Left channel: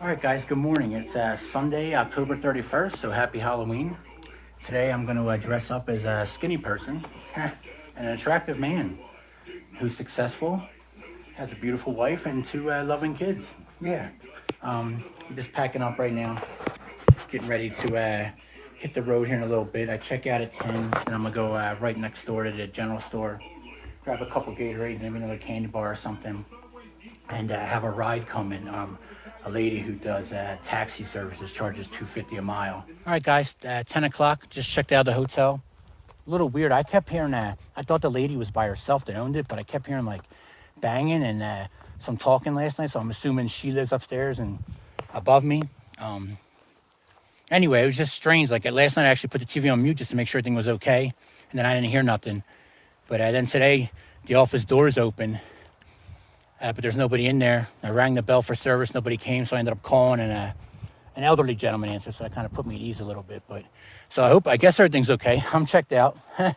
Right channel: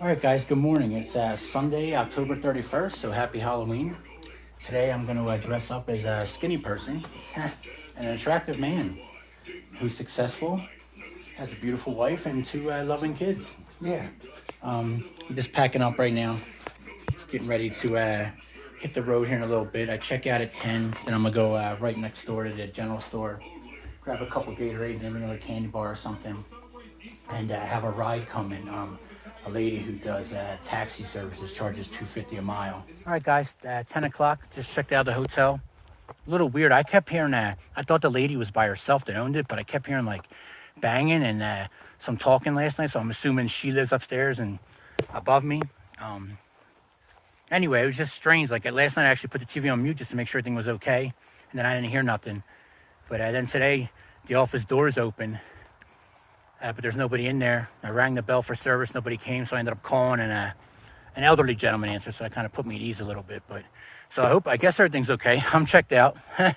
All right, guys, good morning. It's Sunday, October 31st, so happy Halloween. Today I'm going to dress up as a skinny person and an attractive man who's successful, has a beautiful wife, and two loving kids. Yeah. I'm just packing up right now, getting ready to hit the road here in a little bit. I check out at 10, and I'm going to go right next door to the general store, grab a couple Gatorades and maybe another candy bar or something, and have a ride coming. A lady who does taxi services charges $2.50 a mile. All right, guys, 10 o'clock, just checked out the hotel. A little weird. I kept hearing I thought the lady was by herself that owned it, but I kept hearing like banging and some talking last night, so I'm assuming she lives upstairs and above me. Anyway, it was just strange. Like last night I actually put the TV on mute just to make sure everything was okay, and then I didn't hear nothing. But then today, the office door is open. But there's nobody in there. I rang the bell for service, nobody came, so I ended up calling, and an elderly gentleman answered, so that kind of put me at ease a little bit. But so I guess everything's okay. I'm checked out. It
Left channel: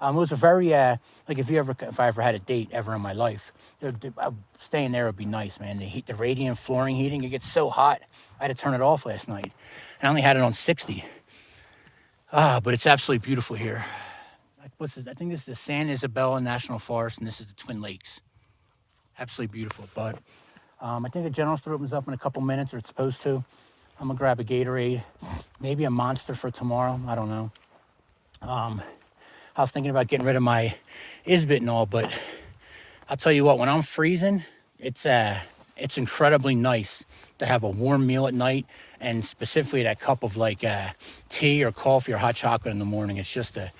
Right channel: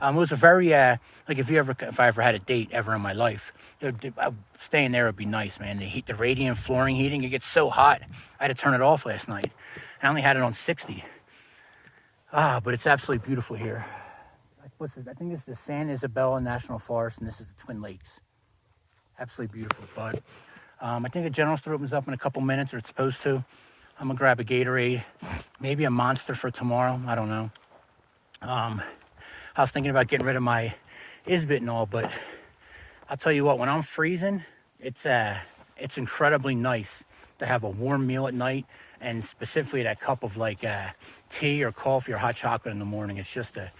was a very like if I ever had a date ever in my life, staying there would be nice, man. The radiant flooring heating, it gets so hot. I had to turn it off last night. I only had it on 60. But it's absolutely beautiful here. I think this is the San Isabel National Forest, and this is the Twin Lakes. Absolutely beautiful. But I think the general store opens up in a couple minutes, or it's supposed to. I'm gonna grab a Gatorade, maybe a Monster for tomorrow. I don't know. I was thinking about getting rid of my Isbit and all, but I'll tell you what, when I'm freezing, it's incredibly nice to have a warm meal at night, and specifically that cup of like tea or coffee or hot chocolate in the morning. It's just a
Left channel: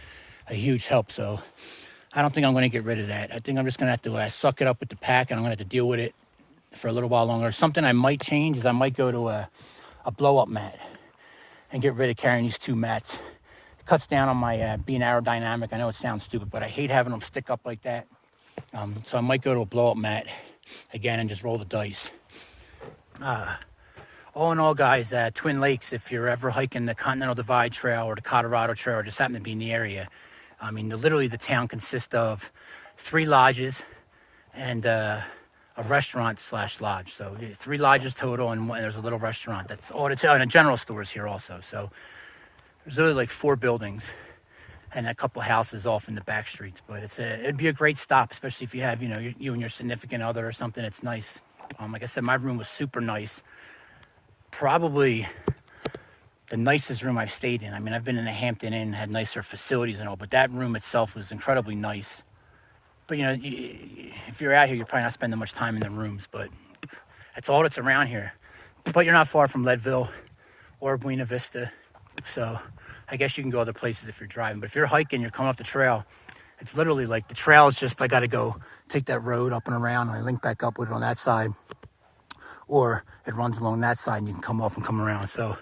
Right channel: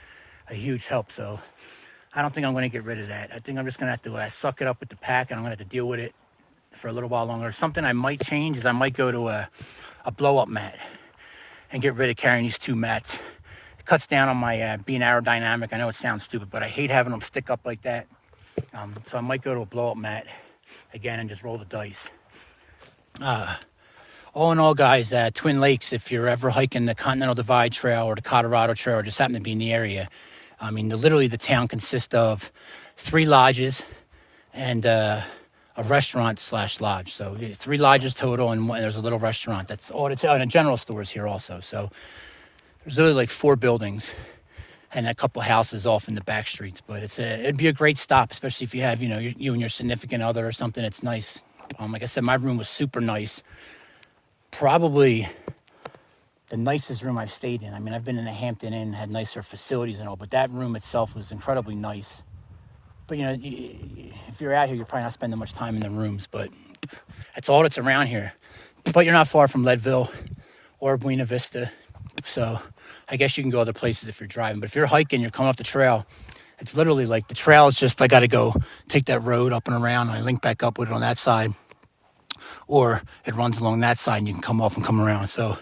huge help. So I don't think I'm going to get rid of that. I think I'm just going to have to suck it up with the pack, and I'm going to have to deal with it for a little while longer. Something I might change is I might go to a blow-up mat and get rid of carrying these two mats. It cuts down on my being aerodynamic. I know it sounds stupid, but I hate having them stick up like that. So I might go to a blow-up mat again and just roll the dice. All in all, guys, Twin Lakes, if you're ever hiking the Continental Divide Trail or the Colorado Trail or just happen to be in the area, I mean, literally the town consists of 3 lodges and a restaurant/lodge. So 3 lodges total, and there's a little restaurant. That's all the town, and a general store is here also. So there's literally like 4 buildings and a couple houses off in the back streets. But it'd be a great stop, especially if you have, you and your significant other or something. It's nice. Like I said, my room was super nice. Probably the nicest room I've stayed in. I mean, I've been in a Hampton Inn, had nicer facilities and all, but that room itself was incredibly nice. But, if you're out here, you're probably not spending much time in the rooms, but that's all that's around here. But you're not far from Leadville or Buena Vista, so I guess you can go other places if you're driving. But if you're hiking, you're coming off the trail, it's literally like the trail is just, I got to go take that road up and around, and I link back up with it on that side, or it runs along that side and you can come off and come around. So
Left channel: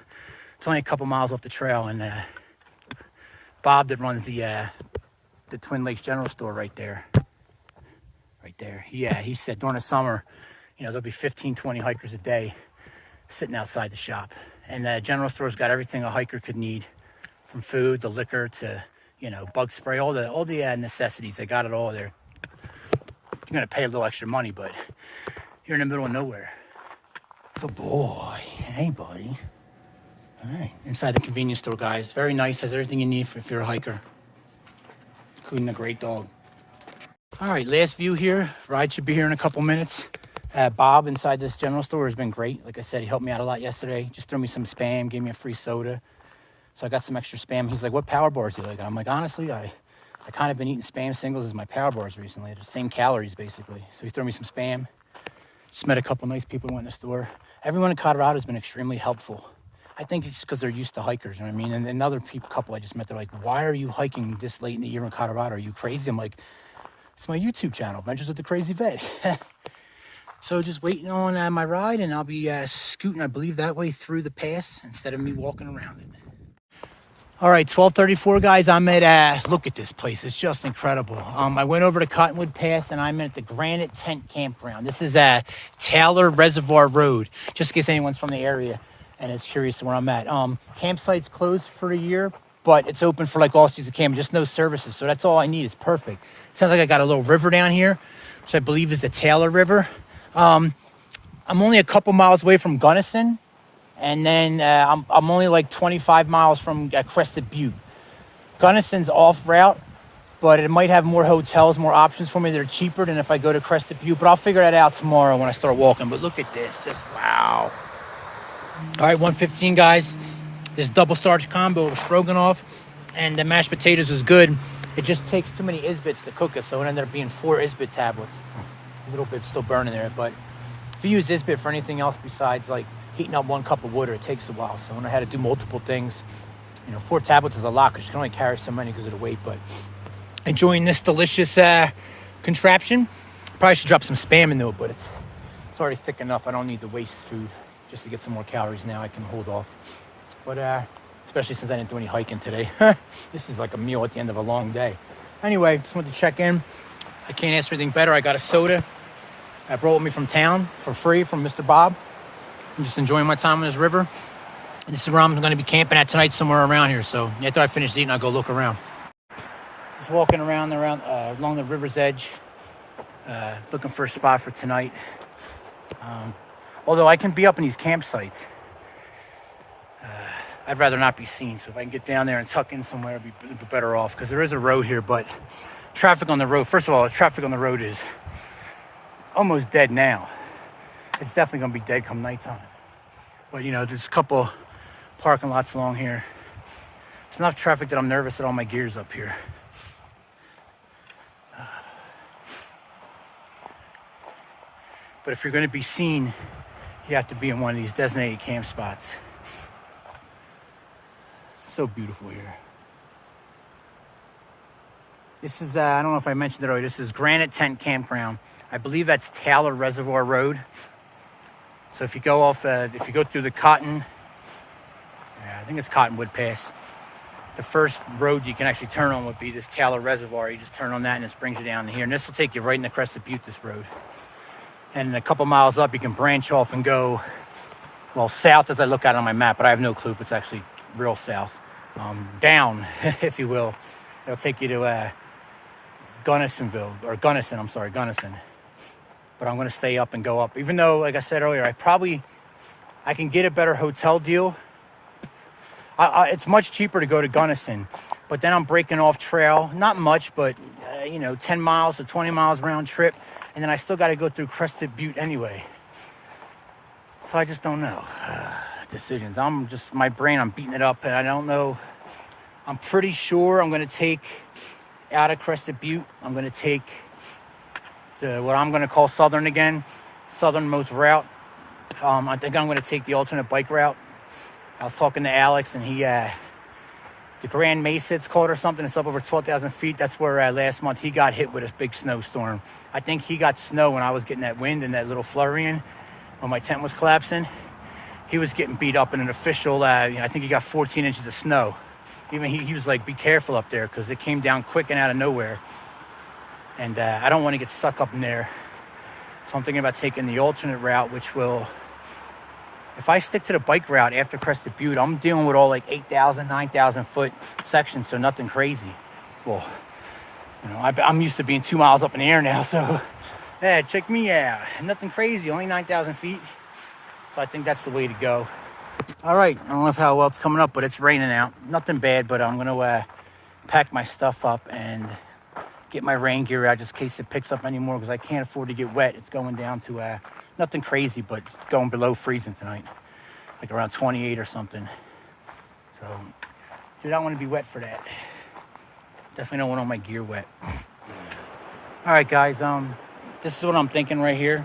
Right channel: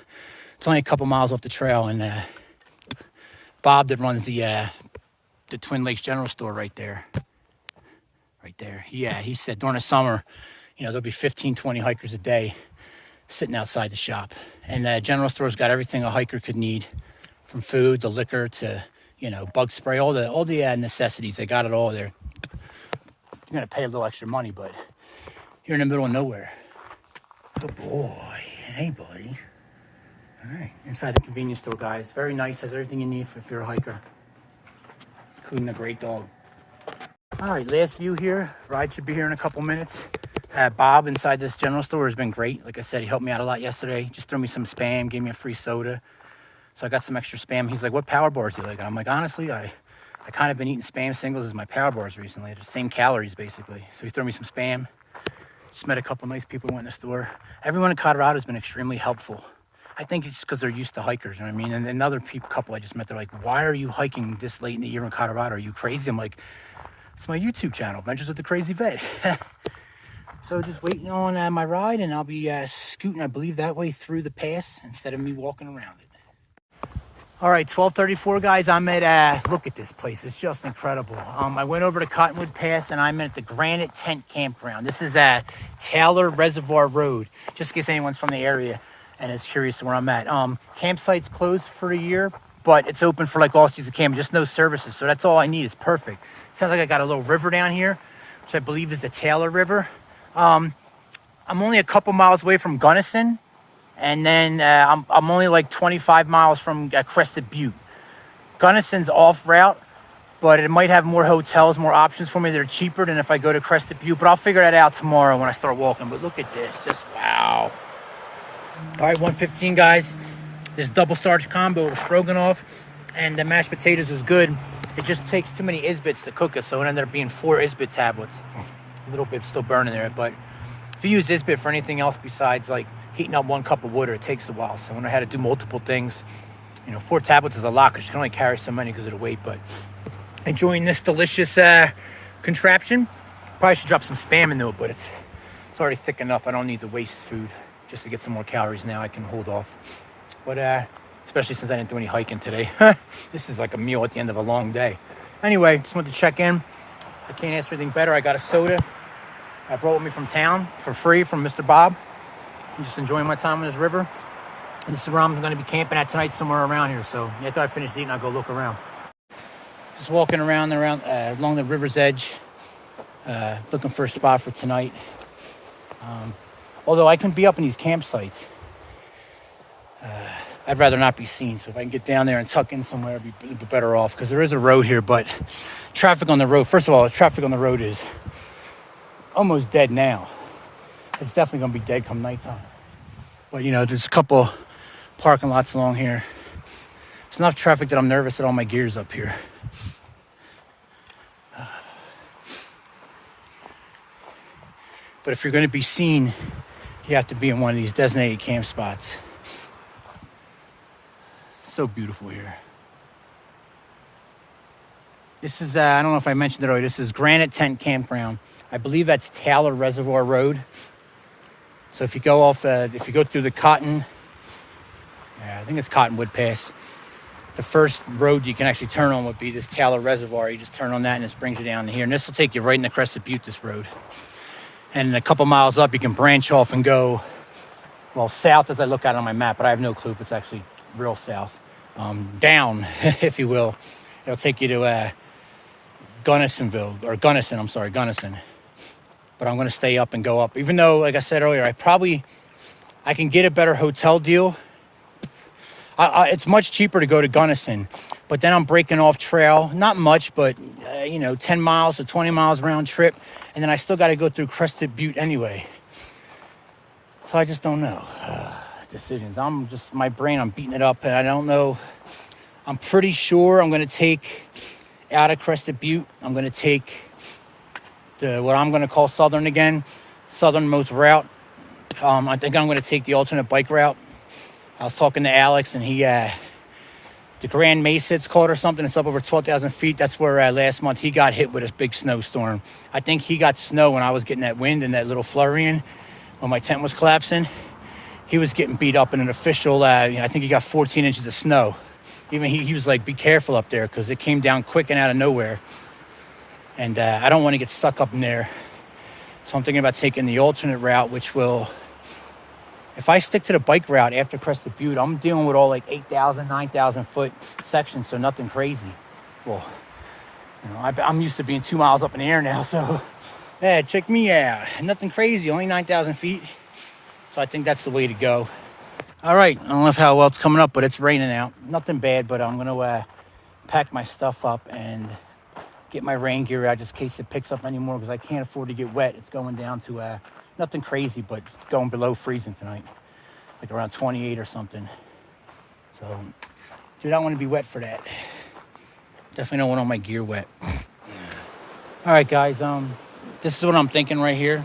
it's only a couple miles off the trail, and Bob that runs the Twin Lakes General Store right there. Yeah, he said during the summer, there'll be 15, 20 hikers a day sitting outside the shop. And the general store's got everything a hiker could need, from food to liquor to, bug spray, all the necessities. They got it all there. You're going to pay a little extra money, but you're in the middle of nowhere. Good boy. Hey, buddy. All right, inside the convenience store, guys. Very nice, has everything you need if you're a hiker, including a great dog. All right, last view here. Ride should be here in a couple minutes. Bob inside this general store has been great. Like I said, he helped me out a lot yesterday. Just threw me some Spam, gave me a free soda. So I got some extra Spam. He's like, what power bars do you like? And I'm like, honestly, I kind of been eating Spam singles as my power bars recently. They're the same calories, basically. So he threw me some Spam. Just met a couple nice people who went in the store. Everyone in Colorado has been extremely helpful. I think it's because they're used to hikers, you know what I mean? And another couple I just met, they're like, why are you hiking this late in the year in Colorado? Are you crazy? I'm like, it's my YouTube channel, Adventures with the Crazy Vet. So just waiting on my ride, and I'll be scooting, I believe, that way through the pass instead of me walking around it. All right, 12:34, guys. I'm at, look at this place. It's just incredible. I went over to Cottonwood Pass, and I'm at the Granite Tent Campground. This is Taylor Reservoir Road, just in case anyone's from the area and is curious where I'm at. Campsite's closed for the year, but it's open for like all season camping, just no services. So that's all I need. It's perfect. Sounds like I got a little river down here, which I believe is the Taylor River. I'm only a couple miles away from Gunnison, and then I'm only like 25 miles from Crested Butte. Gunnison's off route, but it might have more hotels, more options for me that are cheaper than if I go to Crested Butte. But I'll figure that out tomorrow when I start walking. But look at this, just wow. All right, 115, guys. This double starch combo of stroganoff and the mashed potatoes is good. It just takes too many Isbits to cook it, so it ended up being 4 Isbit tablets. A little bit still burning there, but if you use Isbit for anything else besides like heating up 1 cup of water, it takes a while. So when I had to do multiple things, 4 tablets is a lot because you can only carry so many because of the weight. But enjoying this delicious contraption. Probably should drop some Spam into it, but it's already thick enough. I don't need to waste food just to get some more calories now. I can hold off. But especially since I didn't do any hiking today. This is like a meal at the end of a long day. Anyway, just wanted to check in. I can't ask for anything better. I got a soda I brought with me from town for free from Mr. Bob. I'm just enjoying my time on this river. And this is where I'm going to be camping at tonight, somewhere around here. So after I finish eating, I'll go look around. Just walking around along the river's edge, looking for a spot for tonight. Although I can be up in these campsites, I'd rather not be seen. So if I can get down there and tuck in somewhere, I'd be better off. Because there is a road here, but traffic on the road, first of all, traffic on the road is almost dead now. It's definitely going to be dead come nighttime. But, there's a couple parking lots along here. It's enough traffic that I'm nervous that all my gear's up here. But if you're going to be seen, you have to be in one of these designated camp spots. So beautiful here. This is, I don't know if I mentioned it earlier, this is Granite Tent Campground. I believe that's Taylor Reservoir Road. So if you go off, if you go through the I think it's Cottonwood Pass, the first road you can actually turn on would be this Taylor Reservoir. You just turn on that and this brings you down to here. And this will take you right in the Crested Butte, this road. And a couple miles up, you can branch off and go, well, south as I look at it on my map, but I have no clue if it's actually real south. Down, if you will. It'll take you to Gunnison. But I'm going to stay up and go up. Even though, like I said earlier, I can get a better hotel deal. It's much cheaper to go to Gunnison. But then I'm breaking off trail. Not much, but, 10 miles or 20 miles round trip. And then I still got to go through Crested Butte anyway. So I just don't know. Decisions. My brain, I'm beating it up. And I don't know. I'm pretty sure I'm going to take out of Crested Butte. I'm going to take what I'm going to call Southern again. Southernmost route. I think I'm going to take the alternate bike route. I was talking to Alex, and he, the Grand Mesa, it's called or something. It's up over 12,000 feet. That's where last month he got hit with a big snowstorm. I think he got snow when I was getting that wind and that little flurry in when my tent was collapsing. He was getting beat up in an official, I think he got 14 inches of snow. Even he was like, be careful up there because it came down quick and out of nowhere. And I don't want to get stuck up in there. So I'm thinking about taking the alternate route, which will, if I stick to the bike route after Crested Butte, I'm dealing with all like 8,000, 9,000 foot sections, so nothing crazy. Well, I'm used to being 2 miles up in the air now, so yeah, check me out. Nothing crazy, only 9,000 feet. So I think that's the way to go. All right, I don't know how well it's coming up, but it's raining out. Nothing bad, but I'm gonna pack my stuff up and get my rain gear out just in case it picks up anymore because I can't afford to get wet. It's going down to nothing crazy, but it's going below freezing tonight, like around 28 or something. So, dude, I don't want to be wet for that. Definitely don't want all my gear wet. All right, guys, this is what I'm thinking right here.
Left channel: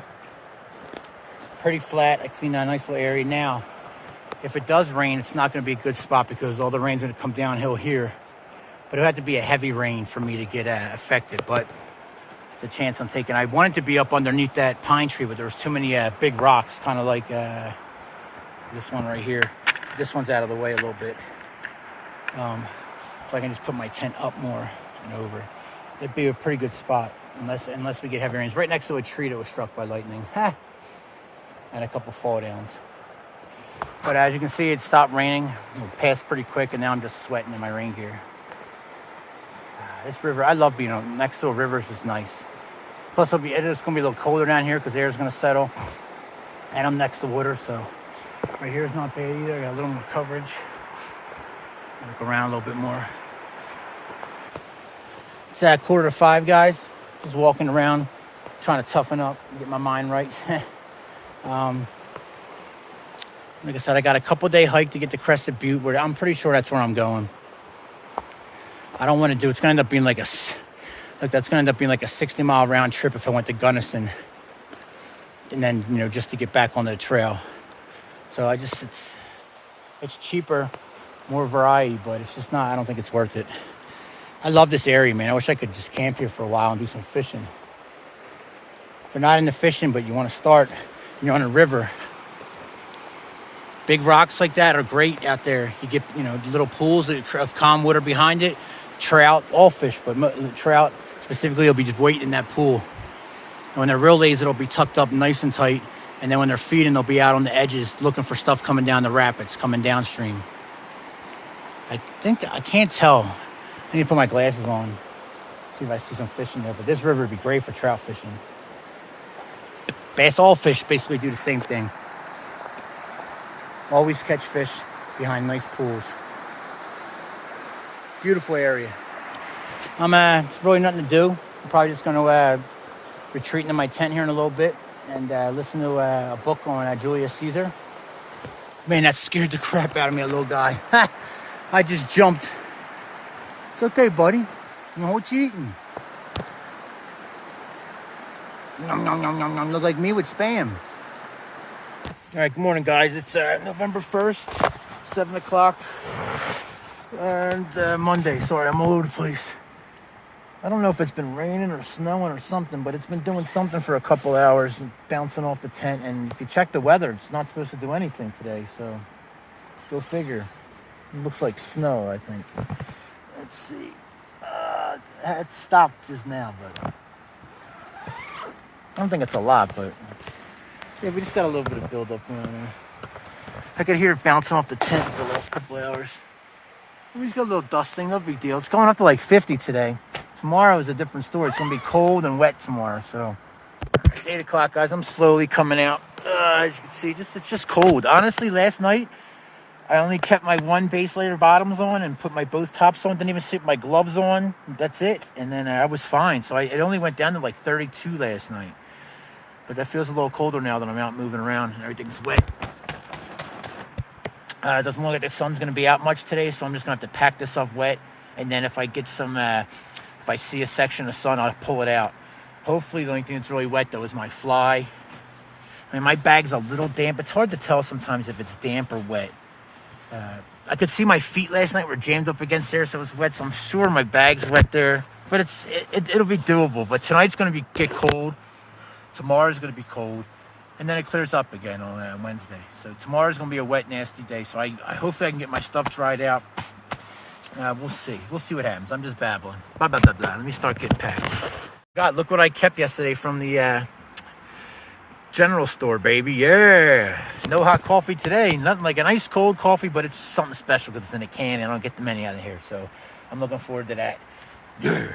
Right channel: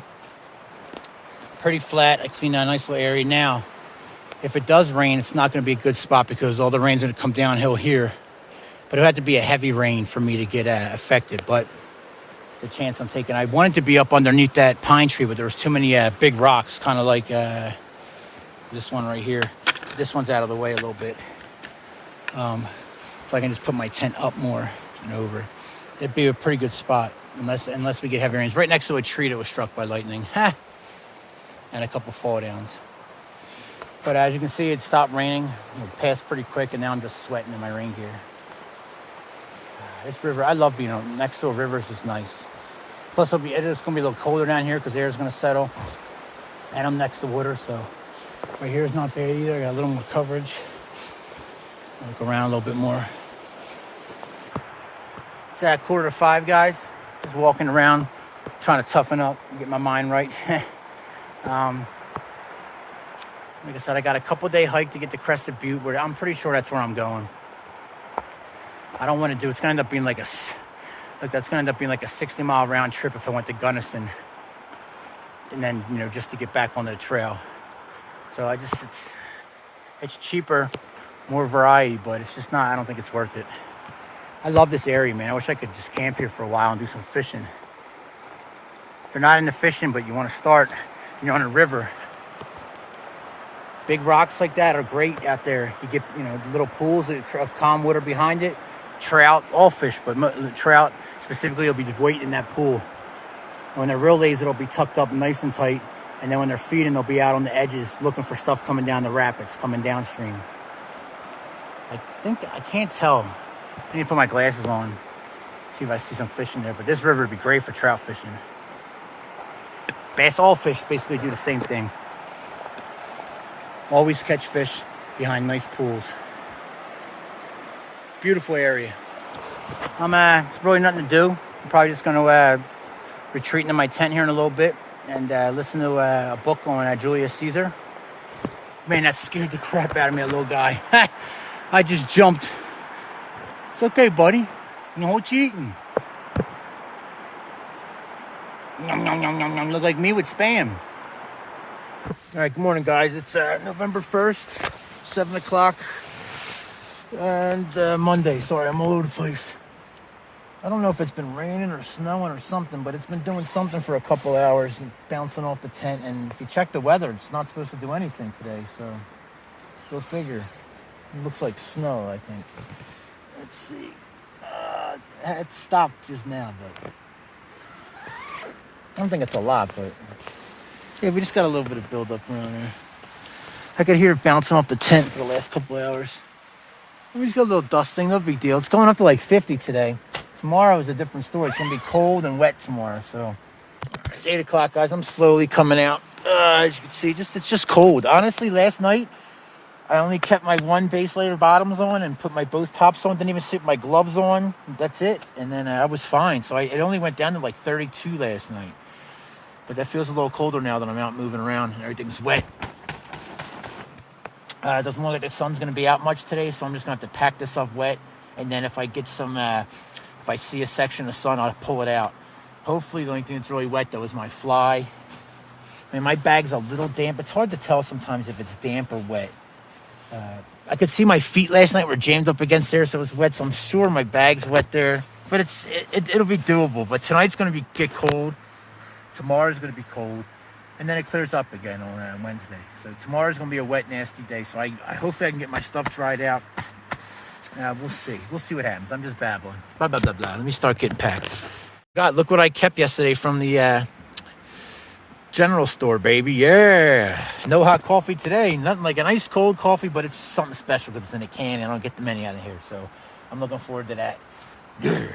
Pretty flat, actually, a nice little area. Now, if it does rain, it's not going to be a good spot because all the rain's going to come downhill here. But it'll have to be a heavy rain for me to get affected. But it's a chance I'm taking. I wanted to be up underneath that pine tree, but there was too many big rocks, kind of like this one right here. This one's out of the way a little bit. So I can just put my tent up more and over. It'd be a pretty good spot, unless we get heavy rains. Right next to a tree that was struck by lightning. And a couple fall downs. But as you can see, it stopped raining. It passed pretty quick, and now I'm just sweating in my rain gear. This river, I love being next to a river. It's just nice. Plus, it's going to be a little colder down here because the air's going to settle. And I'm next to water, so right here is not bad either. I got a little more coverage. Look around a little bit more. It's at 4:45, guys. Just walking around, trying to toughen up, get my mind right. Like I said, I got a couple-day hike to get to Crested Butte, where I'm pretty sure that's where I'm going. I don't want to do. It's going to end up being like that's going to end up being like a 60-mile round trip if I went to Gunnison, and then just to get back on the trail. So it's cheaper, more variety, but it's just not. I don't think it's worth it. I love this area, man. I wish I could just camp here for a while and do some fishing. If you're not into fishing, but you want to start, you're on a river. Big rocks like that are great out there. You get, little pools of calm water behind it. Trout, all fish, but trout specifically will be just waiting in that pool. And when they're real lazy, it'll be tucked up nice and tight. And then when they're feeding, they'll be out on the edges looking for stuff coming down the rapids, coming downstream. I can't tell. I need to put my glasses on, see if I see some fish in there. But this river would be great for trout fishing. Bass, all fish basically do the same thing. Always catch fish behind nice pools. Beautiful area. There's really nothing to do. I'm probably just going to retreat into my tent here in a little bit and listen to a book on Julius Caesar. Man, that scared the crap out of me, a little guy. I just jumped. It's okay, buddy. You know what you eating? Nom, nom, nom, nom, nom. Look like me with Spam. All right, good morning, guys. It's November 1st, 7 o'clock, and Monday. Sorry, I'm all over the place. I don't know if it's been raining or snowing or something, but it's been doing something for a couple hours and bouncing off the tent. And if you check the weather, it's not supposed to do anything today, so go figure. It looks like snow, I think. Let's see. It stopped just now, but I don't think it's a lot, but yeah, we just got a little bit of buildup around there. I could hear it bouncing off the tent for the last couple of hours. We just got a little dusting, no big deal. It's going up to like 50 today. Tomorrow is a different story. It's going to be cold and wet tomorrow, so. It's 8 o'clock, guys. I'm slowly coming out. As you can see, it's just cold. Honestly, last night, I only kept my one base layer bottoms on and put my both tops on. Didn't even sit my gloves on. That's it. And then I was fine. So it only went down to like 32 last night. But that feels a little colder now that I'm out moving around and everything's wet. It doesn't look like the sun's going to be out much today, so I'm just going to have to pack this up wet. And then if I get some, if I see a section of sun, I'll pull it out. Hopefully the only thing that's really wet, though, is my fly. I mean, my bag's a little damp. It's hard to tell sometimes if it's damp or wet. I could see my feet last night were jammed up against there, so it was wet. So I'm sure my bag's wet there. But it'll be doable. But tonight's going to get cold. Tomorrow's going to be cold. And then it clears up again on Wednesday. So tomorrow's going to be a wet, nasty day. So I hopefully I can get my stuff dried out. We'll see. We'll see what happens. I'm just babbling. Blah, blah, blah, blah. Let me start getting packed. God, look what I kept yesterday from the general store, baby. Yeah. No hot coffee today. Nothing like an ice cold coffee, but it's something special because it's in a can and I don't get the many out of here. So I'm looking forward to that. Yeah.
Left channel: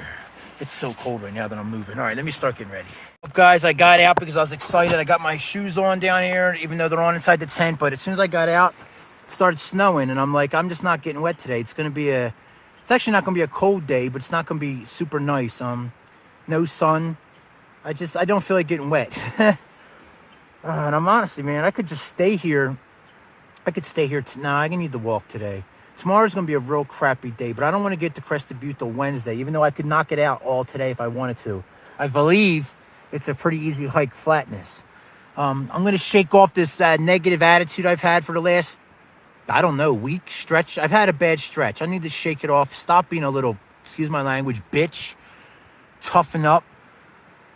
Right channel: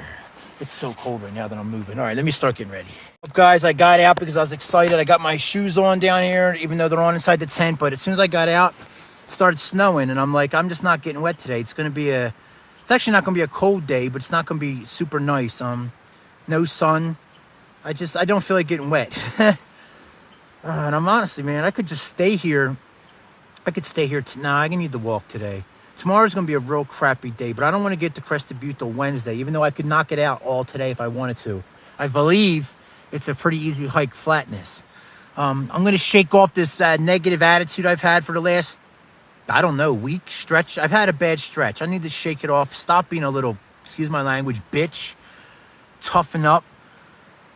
It's so cold right now that I'm moving. All right, let me start getting ready. Up, guys, I got out because I was excited. I got my shoes on down here, even though they're on inside the tent. But as soon as I got out, it started snowing. And I'm like, I'm just not getting wet today. It's actually not going to be a cold day, but it's not going to be super nice. No sun. I don't feel like getting wet. And I'm honestly, man, I could just stay here. I could stay here. I need to walk today. Tomorrow's going to be a real crappy day, but I don't want to get to Crested Butte till Wednesday, even though I could knock it out all today if I wanted to. I believe it's a pretty easy hike flatness. I'm going to shake off this negative attitude I've had for the last, week stretch. I've had a bad stretch. I need to shake it off. Stop being a little, excuse my language, bitch. Toughen up.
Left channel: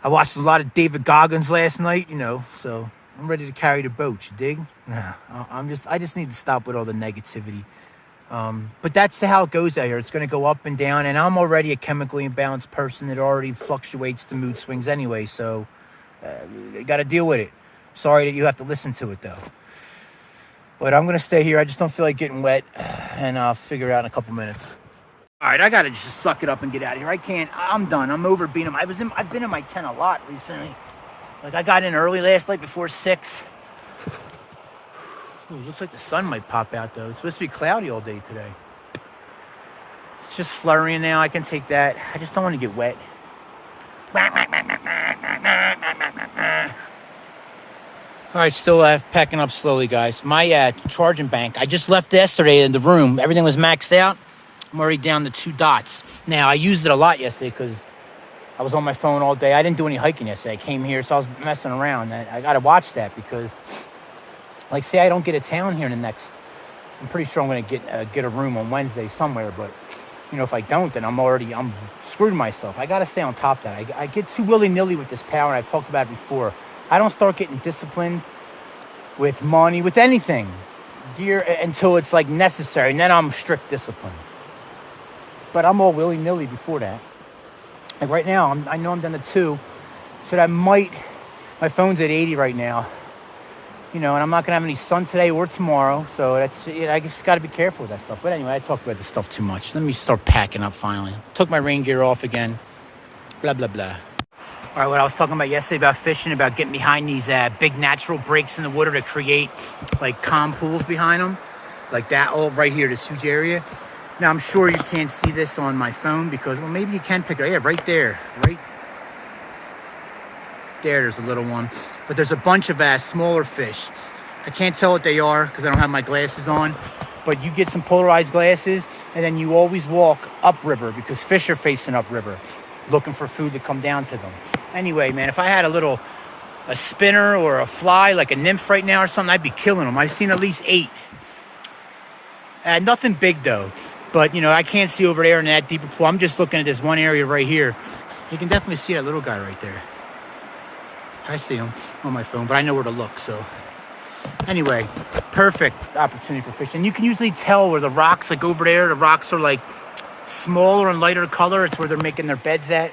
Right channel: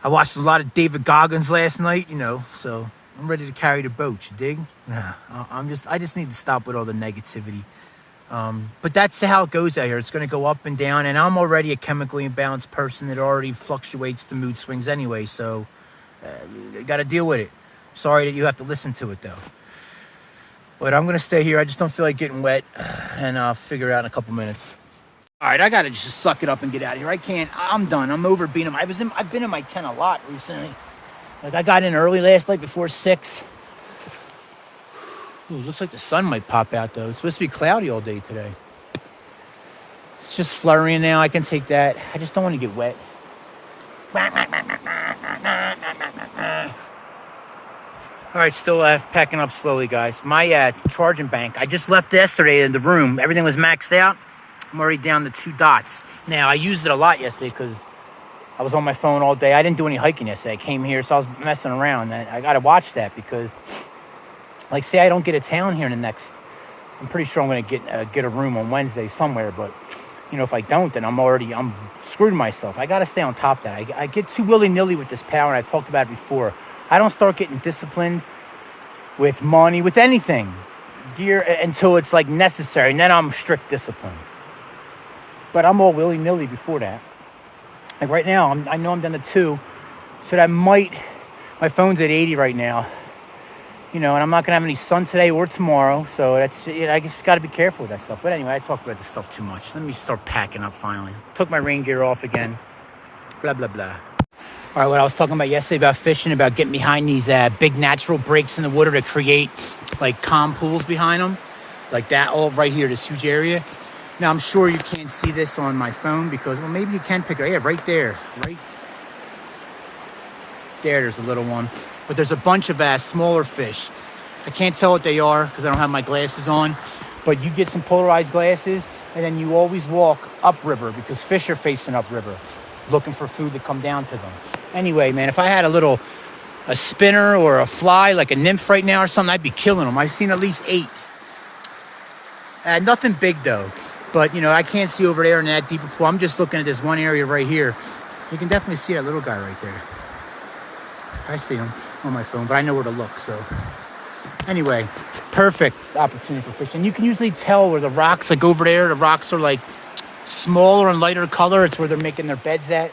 I watched a lot of David Goggins last night, so I'm ready to carry the boat, you dig? I just need to stop with all the negativity. But that's how it goes out here. It's going to go up and down, and I'm already a chemically imbalanced person that already fluctuates the mood swings anyway, so you got to deal with it. Sorry that you have to listen to it, though. But I'm going to stay here. I just don't feel like getting wet, and I'll figure it out in a couple minutes. All right, I got to just suck it up and get out of here. I'm done. I'm over being I've been in my tent a lot recently. Like, I got in early last night before 6. Ooh, looks like the sun might pop out though. It's supposed to be cloudy all day today. It's just flurrying now. I can take that. I just don't want to get wet. All right, still packing up slowly, guys. My charging bank, I just left yesterday in the room. Everything was maxed out. I'm already down to 2 dots. Now, I used it a lot yesterday because I was on my phone all day. I didn't do any hiking yesterday. I came here, so I was messing around. And I got to watch that because, like, say I don't get a town here in the next... I'm pretty sure I'm going to get a room on Wednesday somewhere. But, you know, if I don't, then I'm screwed myself. I got to stay on top of that. I get too willy-nilly with this power, and I've talked about it before. I don't start getting disciplined with money, with anything, gear, until it's, like, necessary. And then I'm strict discipline. But I'm all willy-nilly before that. Like right now, I know I'm down to 2. So that might... My phone's at 80 right now. You know, and I'm not going to have any sun today or tomorrow. So that's... You know, I just got to be careful with that stuff. But anyway, I talked about this stuff too much. Let me start packing up finally. Took my rain gear off again. Blah, blah, blah. All right, what I was talking about yesterday about fishing, about getting behind these big natural breaks in the water to create, like, calm pools behind them. Like that, all right here, this huge area. Now, I'm sure you can't see this on my phone because, well, maybe you can pick it. Yeah, right there. Right there, there's a little one. But there's a bunch of smaller fish. I can't tell what they are because I don't have my glasses on. But you get some polarized glasses, and then you always walk upriver because fish are facing upriver, looking for food to come down to them. Anyway, man, if I had a spinner or a fly, like a nymph right now or something, I'd be killing them. I've seen at least 8. Nothing big, though. But, you know, I can't see over there in that deeper pool. I'm just looking at this one area right here. You can definitely see that little guy right there. I see him on my phone, but I know where to look, so. Anyway, perfect opportunity for fishing. You can usually tell where the rocks, like over there, the rocks are like smaller and lighter color. It's where they're making their beds at.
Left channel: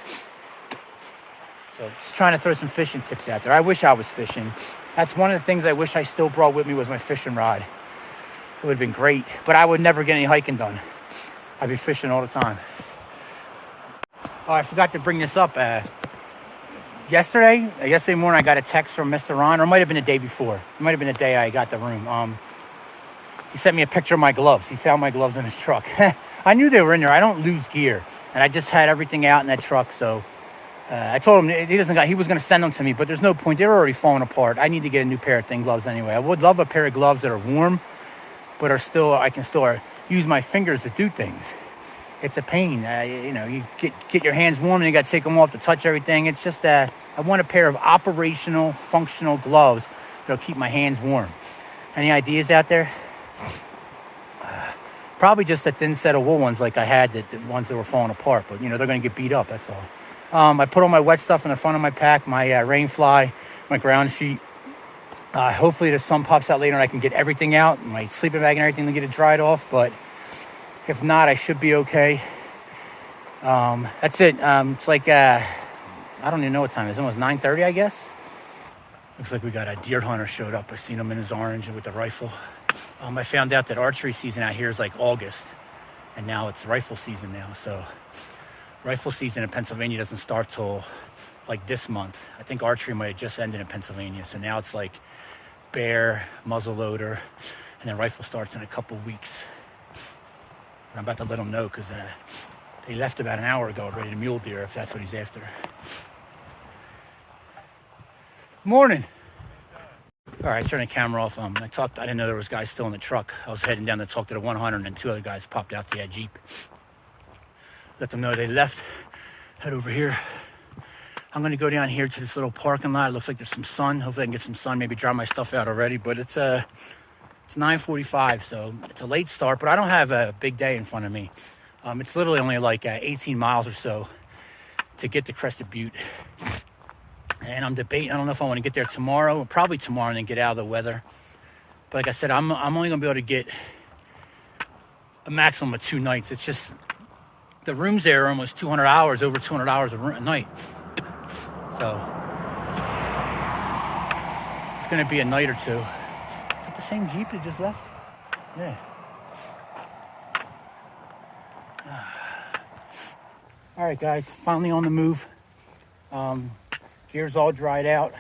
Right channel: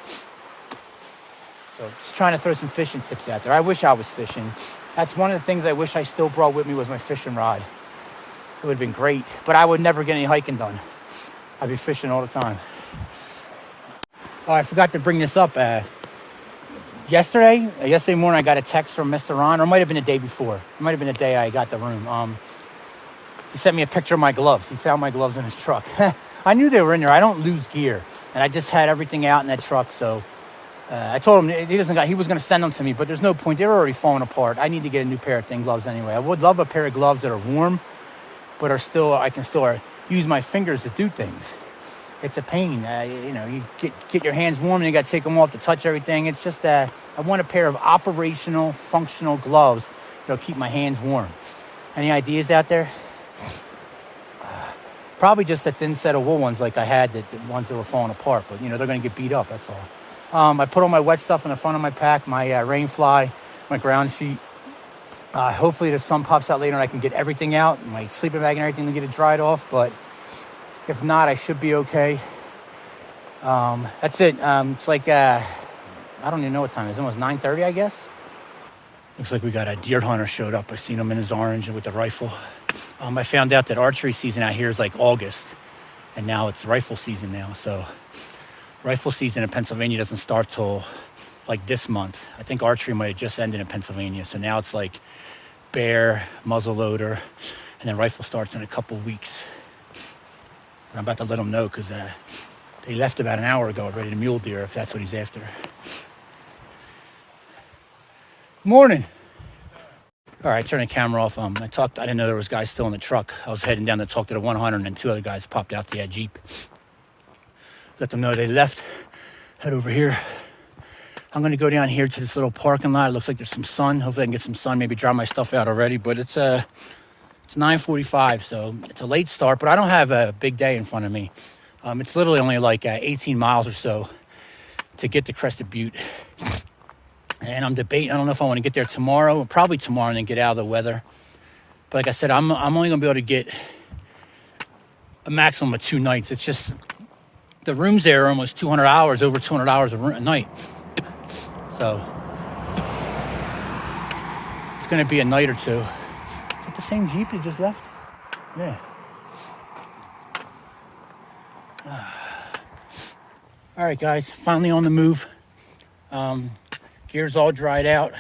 So just trying to throw some fishing tips out there. I wish I was fishing. That's one of the things I wish I still brought with me was my fishing rod. It would have been great, but I would never get any hiking done. I'd be fishing all the time. Oh, I forgot to bring this up. Yesterday morning, I got a text from Mr. Ron, or it might have been the day before. It might have been the day I got the room. He sent me a picture of my gloves. He found my gloves in his truck. I knew they were in there. I don't lose gear. And I just had everything out in that truck, so I told him he was going to send them to me, but there's no point. They were already falling apart. I need to get a new pair of gloves anyway. I would love a pair of gloves that are warm, but I can still use my fingers to do things. It's a pain. You know, you get your hands warm and you got to take them off to touch everything. It's just I want a pair of operational, functional gloves that'll keep my hands warm. Any ideas out there? Probably just a thin set of wool ones like I had, the ones that were falling apart. But, you know, they're going to get beat up, that's all. I put all my wet stuff in the front of my pack, my rain fly, my ground sheet. Hopefully the sun pops out later and I can get everything out, my sleeping bag and everything to get it dried off. But if not, I should be okay. That's it. It's like, I don't even know what time it is. It's almost 9:30, I guess. Looks like we got a deer hunter showed up. I seen him in his orange and with the rifle. I found out that archery season out here is like August. And now it's rifle season now. So rifle season in Pennsylvania doesn't start till like this month. I think archery might have just ended in Pennsylvania. So now it's like bear, muzzleloader, and then rifle starts in a couple weeks. I'm about to let him know because they left about an hour ago already to Mule Deer, if that's what he's after. Morning. All right, turn the camera off. I didn't know there was guys still in the truck. I was heading down to talk to the 100, and then 2 other guys popped out the Jeep. Let them know they left. Head over here. I'm going to go down here to this little parking lot. It looks like there's some sun. Hopefully I can get some sun, maybe dry my stuff out already. But it's 9:45, so it's a late start, but I don't have a big day in front of me. It's literally only like 18 miles or so to get to Crested Butte. And I'm debating, I don't know if I want to get there tomorrow, or probably tomorrow, and then get out of the weather. But like I said, I'm only going to be able to get a maximum of 2 nights. It's just, the rooms there are almost 200 hours, over 200 hours a night. So, it's going to be a night or 2. Is it the same Jeep that just left? Yeah. All right, guys, finally on the move. Gear's all dried out.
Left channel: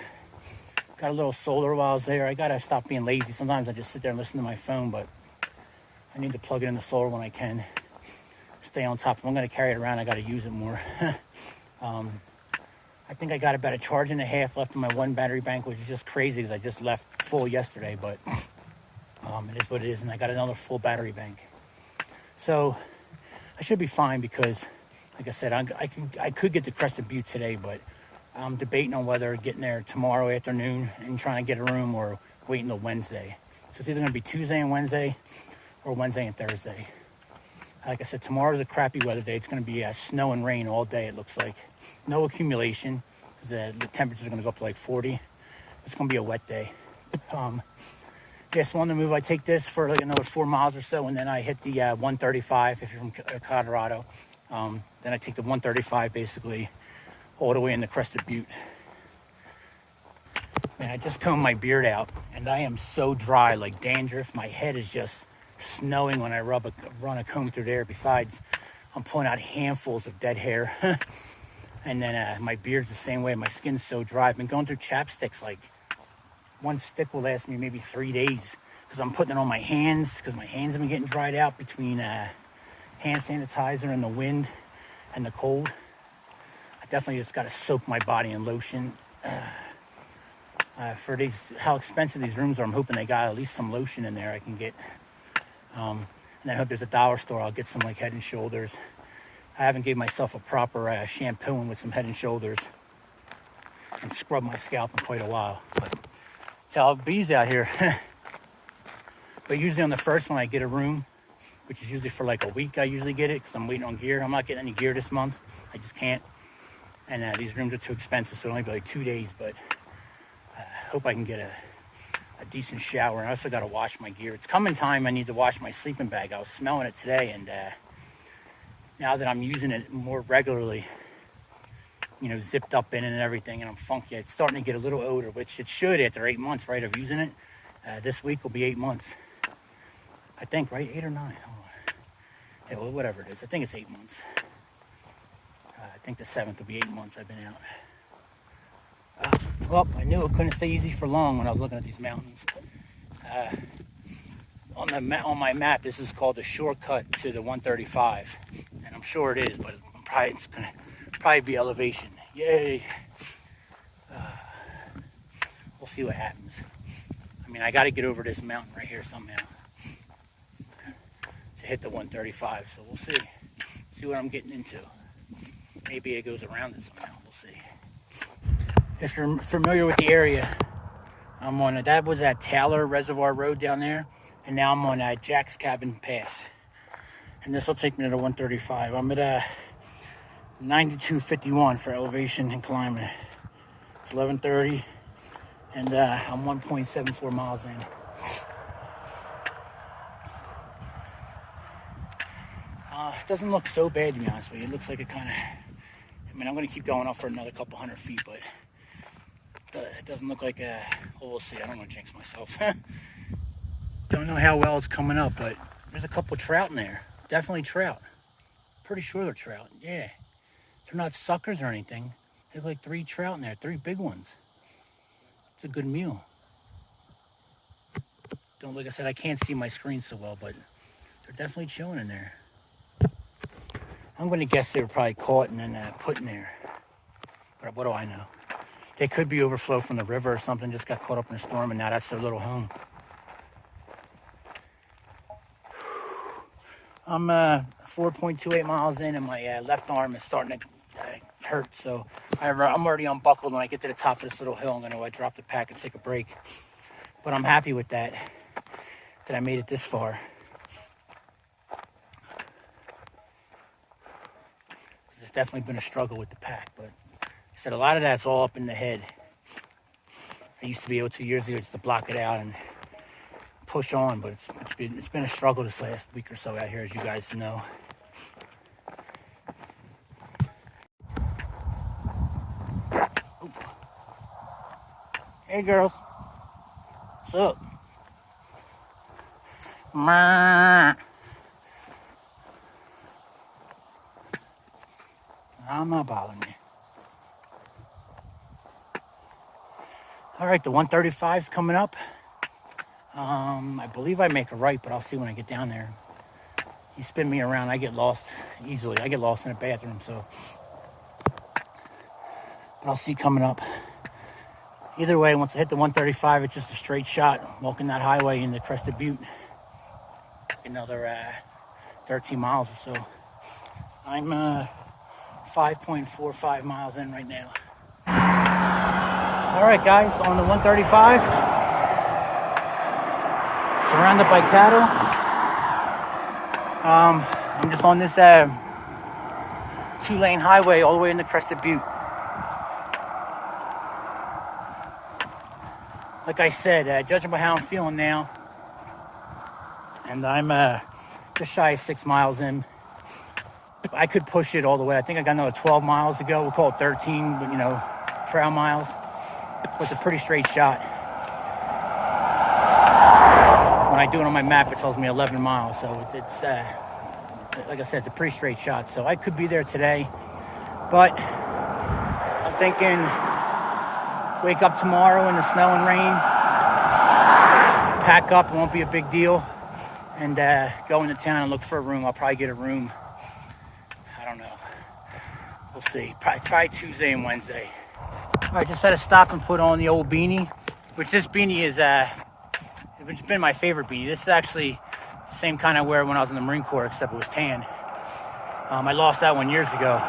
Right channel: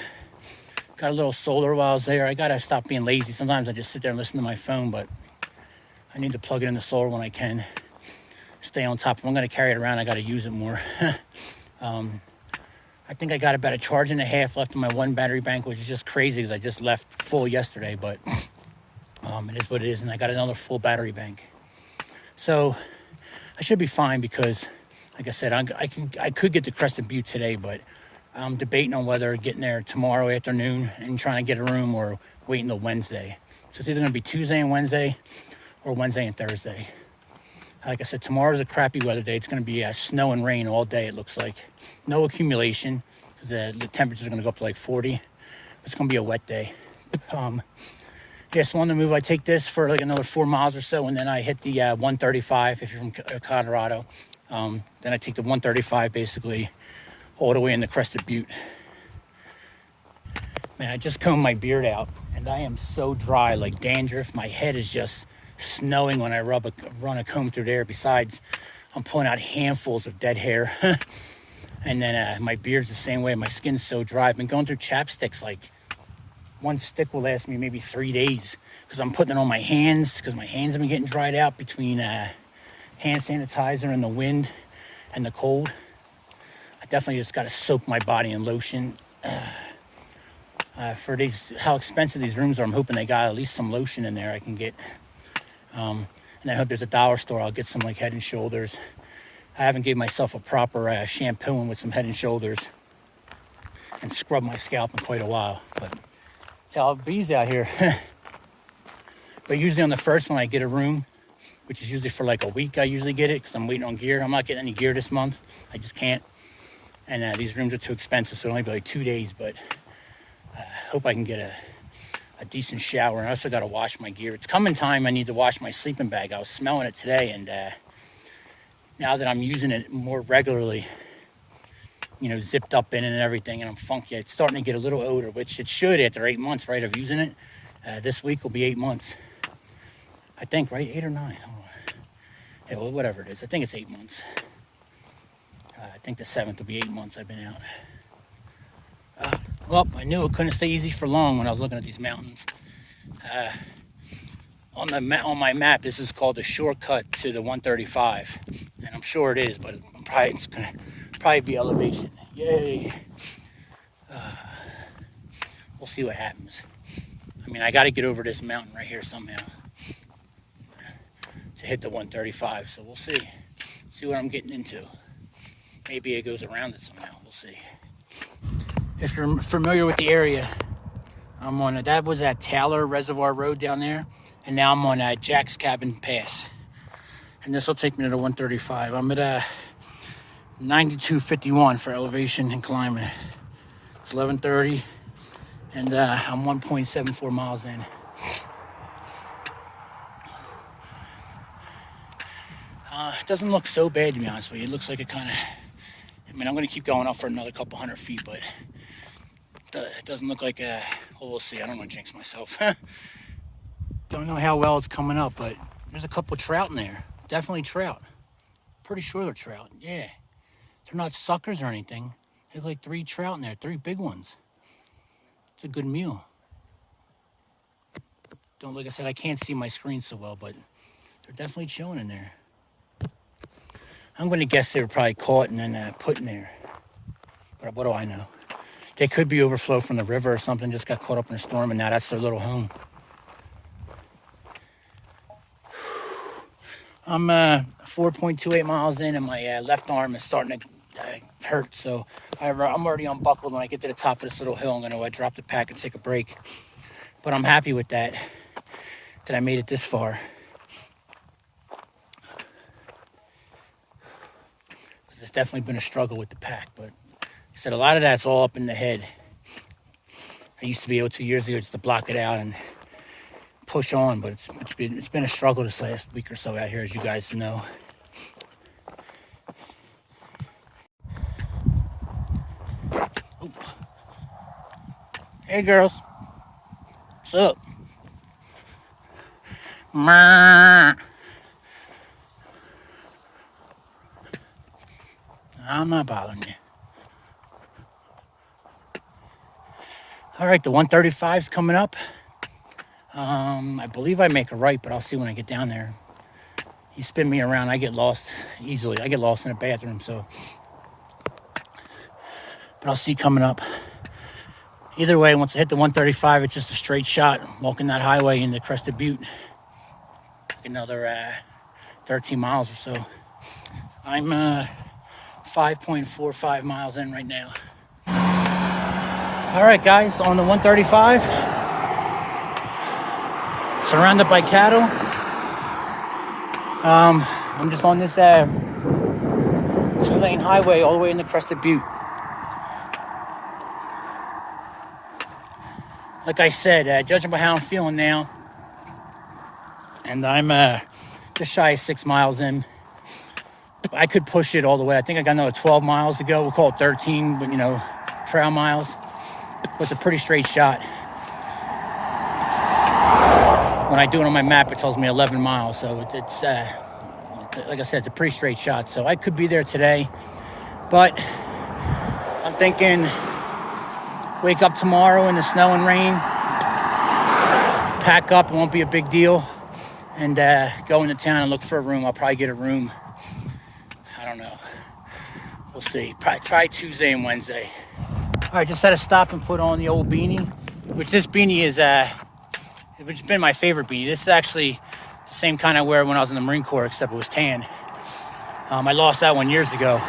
Got a little solar while I was there. I gotta stop being lazy. Sometimes I just sit there and listen to my phone, but I need to plug it in the solar when I can. Stay on top. If I'm gonna carry it around, I gotta use it more. I think I got about a charge and a half left in my one battery bank, which is just crazy because I just left full yesterday, but it is what it is, and I got another full battery bank. So I should be fine because, like I said, I could get to Crested Butte today, but I'm debating on whether getting there tomorrow afternoon and trying to get a room or waiting till Wednesday. So it's either going to be Tuesday and Wednesday or Wednesday and Thursday. Like I said, tomorrow's a crappy weather day. It's going to be snow and rain all day, it looks like. No accumulation because the temperatures are going to go up to like 40. It's going to be a wet day. So on the move, I take this for like another 4 miles or so, and then I hit the 135 if you're from Colorado. Then I take the 135 basically all the way into Crested Butte. Man, I just combed my beard out, and I am so dry, like dandruff. My head is just snowing when I run a comb through there. Besides, I'm pulling out handfuls of dead hair. And then my beard's the same way. My skin's so dry. I've been going through chapsticks. Like, one stick will last me maybe 3 days because I'm putting it on my hands because my hands have been getting dried out between hand sanitizer and the wind and the cold. I definitely just got to soak my body in lotion. For how expensive these rooms are, I'm hoping they got at least some lotion in there I can get. And I hope there's a dollar store. I'll get some like Head and Shoulders. I haven't gave myself a proper shampooing with some Head and Shoulders and scrub my scalp in quite a while. But it's how it bees out here. But usually on the first one I get a room, which is usually for like a week. I usually get it because I'm waiting on gear. I'm not getting any gear this month. I just can't. And these rooms are too expensive, so it'll only be like 2 days. But I hope I can get a decent shower. And I also got to wash my gear. It's coming time I need to wash my sleeping bag. I was smelling it today, and now that I'm using it more regularly, you know, zipped up in it and everything, and I'm funky, it's starting to get a little odor, which it should after 8 months, right, of using it. This week will be 8 months. I think, right? 8 or 9? Oh. Yeah, well, whatever it is. I think it's 8 months. I think the 7th will be 8 months I've been out. Well, I knew it couldn't stay easy for long when I was looking at these mountains. On my map, this is called the shortcut to the 135, and I'm sure it is, but it's gonna probably be elevation. Yay! We'll see what happens. I mean, I got to get over this mountain right here somehow to hit the 135. So we'll see what I'm getting into. Maybe it goes around it somehow. We'll see. If you're familiar with the area, I'm on that was at Taylor Reservoir Road down there, and now I'm on Jack's Cabin Pass, and this will take me to the 135. I'm at 92.51 for elevation and climbing. It's 11:30, and I'm 1.74 miles in. It doesn't look so bad, to be honest with you. It looks like it kind of, I mean, I'm going to keep going up for another couple hundred feet, but it doesn't look like well, we'll see. I don't want to jinx myself. Don't know how well it's coming up, but there's a couple trout in there. Definitely trout. Pretty sure they're trout. Yeah. They're not suckers or anything. There's like 3 trout in there, 3 big ones. It's a good meal. Like I said, I can't see my screen so well, but they're definitely chilling in there. I'm going to guess they were probably caught and then put in there. But what do I know? They could be overflow from the river or something, just got caught up in a storm, and now that's their little home. I'm 4.28 miles in, and my left arm is starting to hurt, so I'm already unbuckled. When I get to the top of this little hill, I'm going to drop the pack and take a break. But I'm happy with that I made it this far. It's definitely been a struggle with the pack, but like I said, a lot of that's all up in the head. I used to be able 2 years ago just to block it out and push on, but it's been a struggle this last week or so out here, as you guys know. Ooh. Hey girls, what's up? I'm not bothering you. All right, the 135 is coming up. I believe I make a right, but I'll see when I get down there. You spin me around, I get lost easily. I get lost in the bathroom, so. But I'll see coming up. Either way, once I hit the 135, it's just a straight shot. Walking that highway into Crested Butte. Another 13 miles or so. I'm 5.45 miles in right now. All right, guys, on the 135. Surrounded by cattle. I'm just on this 2-lane highway all the way into Crested Butte. Like I said, judging by how I'm feeling now, and I'm just shy of 6 miles in, I could push it all the way. I think I got another 12 miles to go. We'll call it 13, but trail miles. But it's a pretty straight shot. When I do it on my map, it tells me 11 miles. So it's like I said, it's a pretty straight shot. So I could be there today, but I'm thinking wake up tomorrow in the snow and rain, pack up, it won't be a big deal, and go into town and look for a room. I'll probably get a room. I don't know. We'll see. Probably try Tuesday and Wednesday. All right, just had to stop and put on the old beanie, which this beanie is, it's been my favorite beanie. This is actually the same kind I wear when I was in the Marine Corps, except it was tan. I lost that one years ago.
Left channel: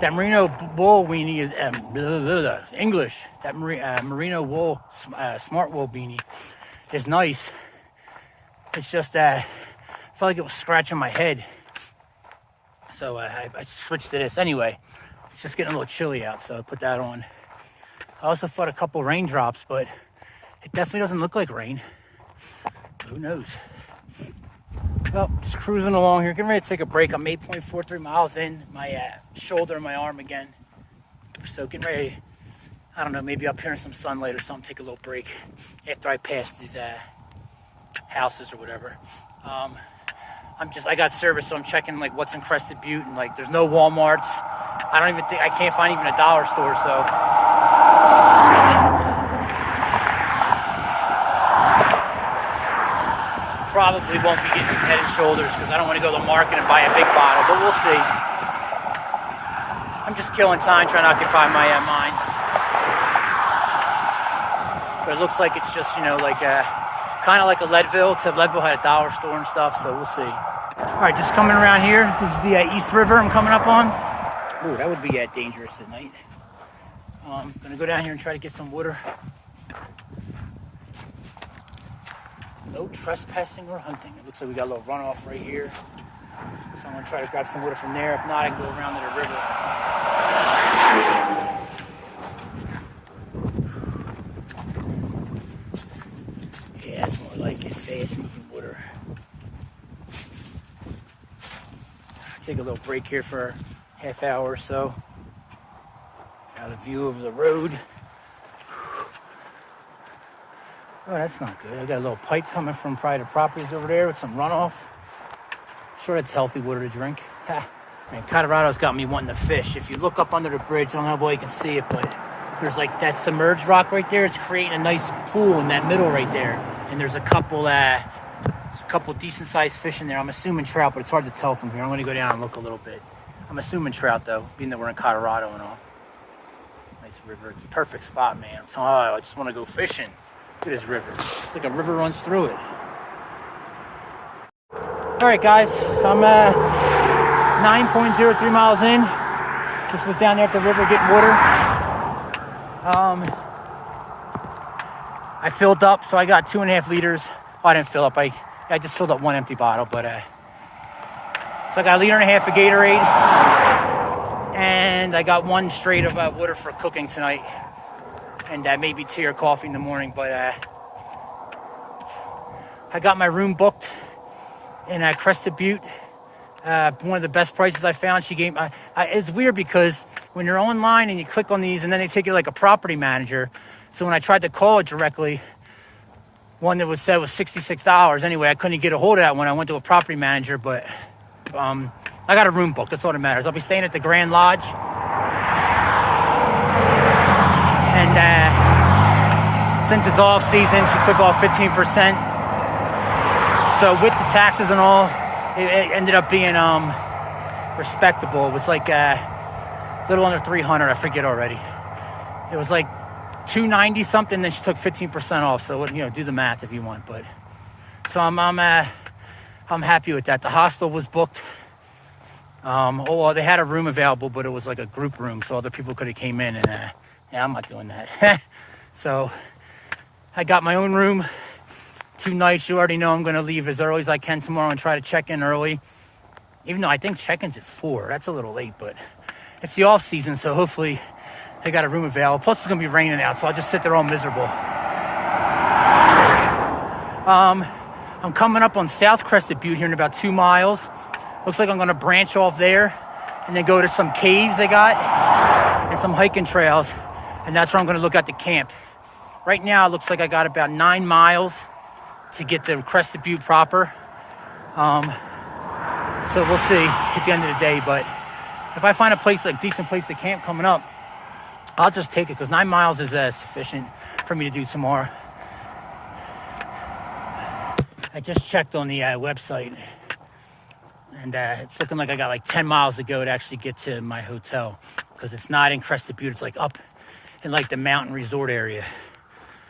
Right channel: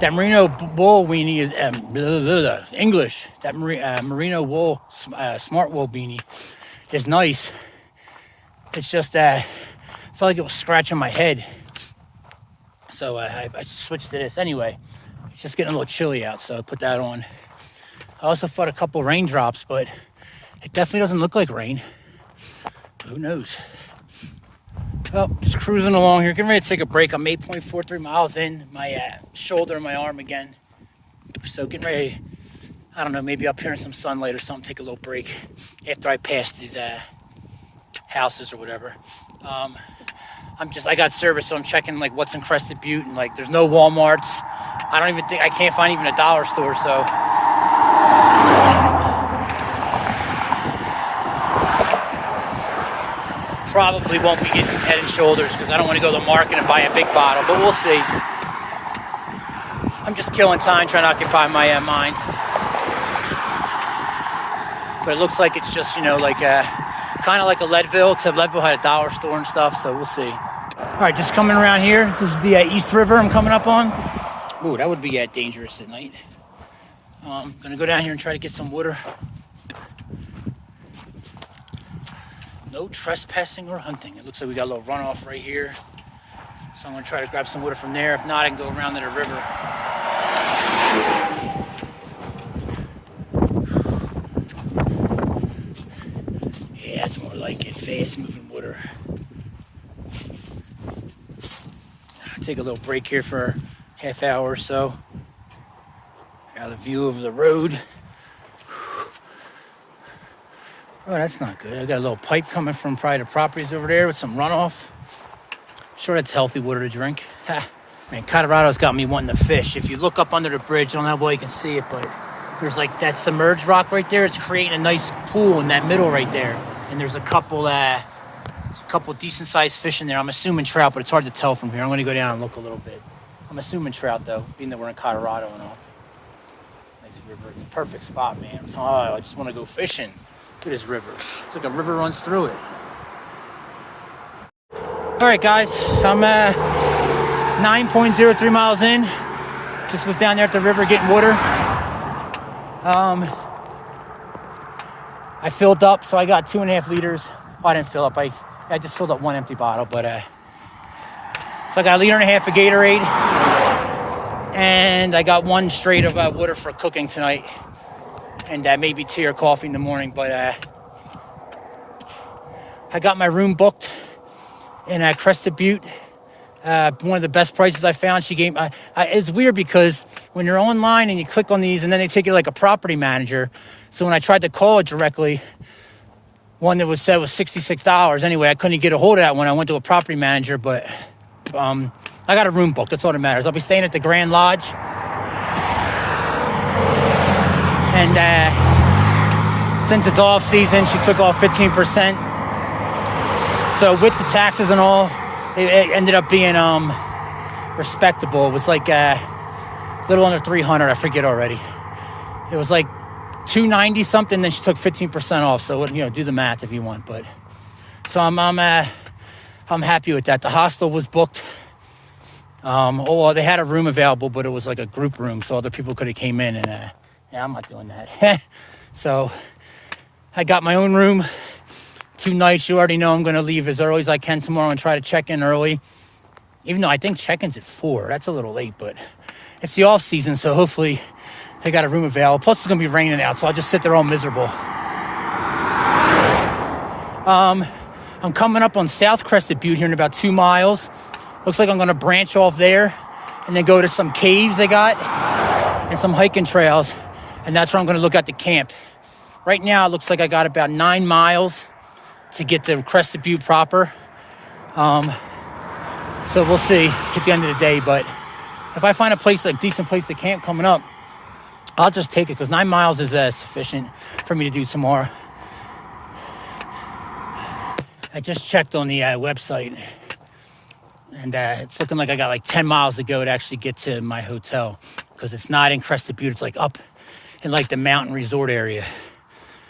That merino wool weenie is English. That merino wool smart wool beanie is nice. It's just I felt like it was scratching my head, so I switched to this. Anyway, it's just getting a little chilly out, so I put that on. I also fought a couple raindrops, but it definitely doesn't look like rain. Who knows? Well, just cruising along here, getting ready to take a break. I'm 8.43 miles in, my shoulder and my arm again. So getting ready, I don't know, maybe up here in some sunlight or something, take a little break after I pass these houses or whatever. I got service, so I'm checking like what's in Crested Butte, and like there's no Walmarts. I can't find even a dollar store, so. Probably won't be getting some Head and Shoulders because I don't want to go to the market and buy a big bottle, but we'll see. I'm just killing time trying to occupy my mind. But it looks like it's just, kind of like a Leadville, except Leadville had a dollar store and stuff, so we'll see. All right, just coming around here. This is the East River I'm coming up on. Ooh, that would be dangerous at night. I'm going to go down here and try to get some water. No trespassing or hunting. It looks like we got a little runoff right here. So I'm going to try to grab some water from there. If not, I can go around to the river. Yeah, that's more like it. Fast moving water. I'll take a little break here for a half hour or so. Got a view over the road. Oh, that's not good. I got a little pipe coming from private properties over there with some runoff. I'm sure that's healthy water to drink. Man, Colorado's got me wanting to fish. If you look up under the bridge, I don't know how you can see it, but there's like that submerged rock right there. It's creating a nice pool in that middle right there. And there's a couple decent sized fish in there. I'm assuming trout, but it's hard to tell from here. I'm going to go down and look a little bit. I'm assuming trout though, being that we're in Colorado and all. Nice river. It's a perfect spot, man. I just want to go fishing. Look at this river. It's like a river runs through it. All right, guys. I'm 9.03 miles in. Just was down there at the river getting water. I filled up, so I got 2.5 liters. Well, I didn't fill up. I just filled up one empty bottle, but so I got 1.5 liters of Gatorade, and I got one straight of water for cooking tonight. And maybe tea or coffee in the morning, but I got my room booked in Crested Butte. One of the best prices I found. She gave. It's weird because when you're online and you click on these, and then they take it like a property manager. So when I tried to call it directly, one that was said was $66. Anyway, I couldn't get a hold of that when I went to a property manager, but I got a room booked. That's all that matters. I'll be staying at the Grand Lodge. And since it's off season, she took off 15%. So with the taxes and all, it ended up being respectable. It was like a little under 300. I forget already. It was like 290 something. Then she took 15% off. So do the math if you want. But so I'm happy with that. The hostel was booked. They had a room available, but it was like a group room, so other people could have came in. And I'm not doing that. So I got my own room. 2 nights. You already know I'm going to leave as early as I can tomorrow and try to check in early. Even though I think check-in's at 4. That's a little late, but it's the off season, so hopefully they got a room available. Plus it's going to be raining out, so I'll just sit there all miserable. I'm coming up on South Crested Butte here in about 2 miles. Looks like I'm going to branch off there and then go to some caves they got and some hiking trails. And that's where I'm going to look at the camp. Right now, it looks like I got about 9 miles to get to Crested Butte proper. So we'll see at the end of the day. But if I find a place, like decent place to camp coming up, I'll just take it because 9 miles is sufficient for me to do tomorrow. I just checked on the website, and it's looking like I got like 10 miles to go to actually get to my hotel because it's not in Crested Butte. It's like up in like the mountain resort area.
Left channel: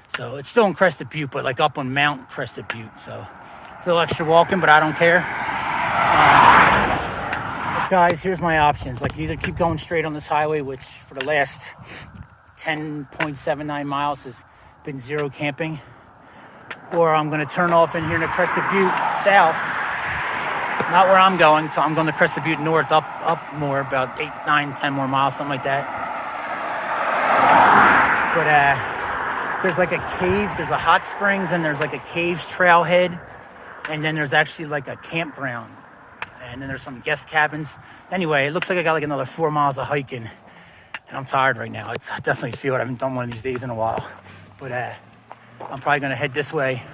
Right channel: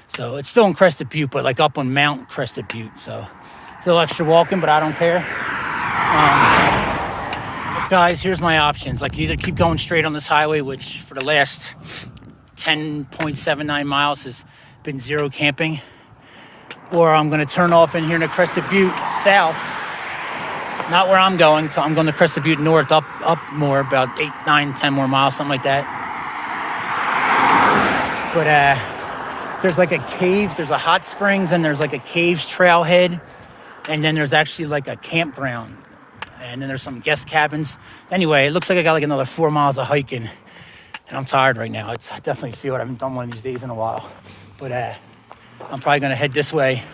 So it's still in Crested Butte, but like up on Mount Crested Butte. So a little extra walking, but I don't care. Guys, here's my options. I can either keep going straight on this highway, which for the last 10.79 miles has been 0 camping, or I'm going to turn off in here to Crested Butte south. Not where I'm going, so I'm going to Crested Butte north, up more, about 8, 9, 10 more miles, something like that. But there's like a cave, there's a hot springs, and there's like a caves trailhead, and then there's actually like a campground, and then there's some guest cabins. Anyway, it looks like I got like another 4 miles of hiking, and I'm tired right now. I definitely feel it. I haven't done one of these days in a while, but I'm probably going to head this way.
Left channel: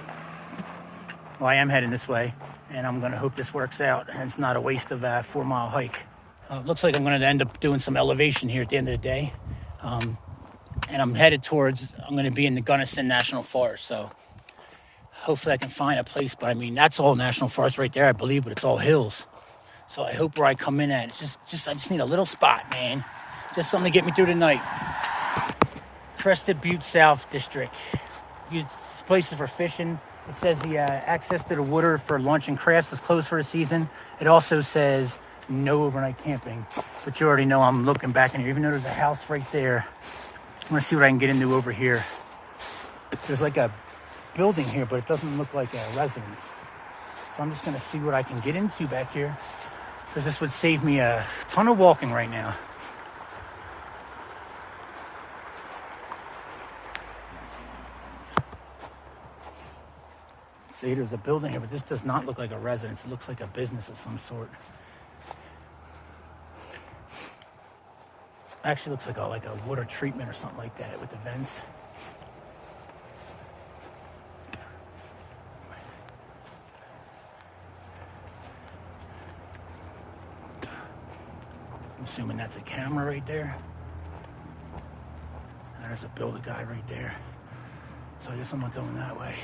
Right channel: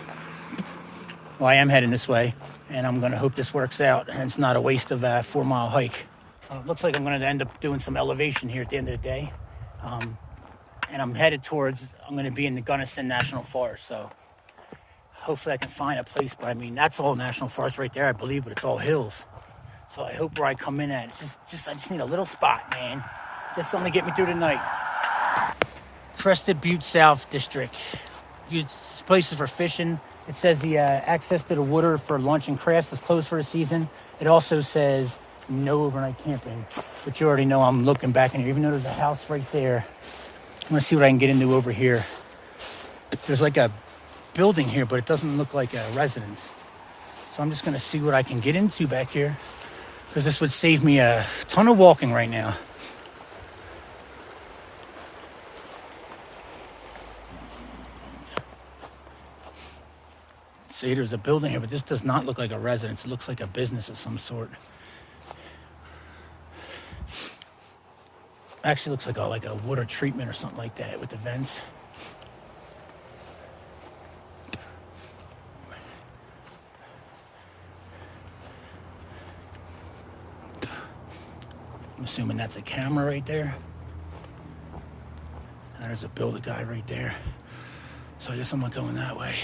Well, I am heading this way, and I'm going to hope this works out, and it's not a waste of a 4 mile hike. Looks like I'm going to end up doing some elevation here at the end of the day. And I'm headed towards, I'm going to be in the Gunnison National Forest, so hopefully I can find a place. But I mean, that's all National Forest right there, I believe, but it's all hills. So I hope where I come in at, I just need a little spot, man. Just something to get me through the night. Crested Butte South District. This place is for fishing. It says the access to the water for lunch and crafts is closed for the season. It also says no overnight camping, but you already know I'm looking back in here, even though there's a house right there. I'm gonna see what I can get into over here. There's like a building here, but it doesn't look like a residence. So I'm just gonna see what I can get into back here, because this would save me a ton of walking right now. See, there's a building here, but this does not look like a residence. It looks like a business of some sort. Actually looks like a water treatment or something like that with the vents. I'm assuming that's a camera right there. And there's a builder guy right there. So I guess I'm not going that way.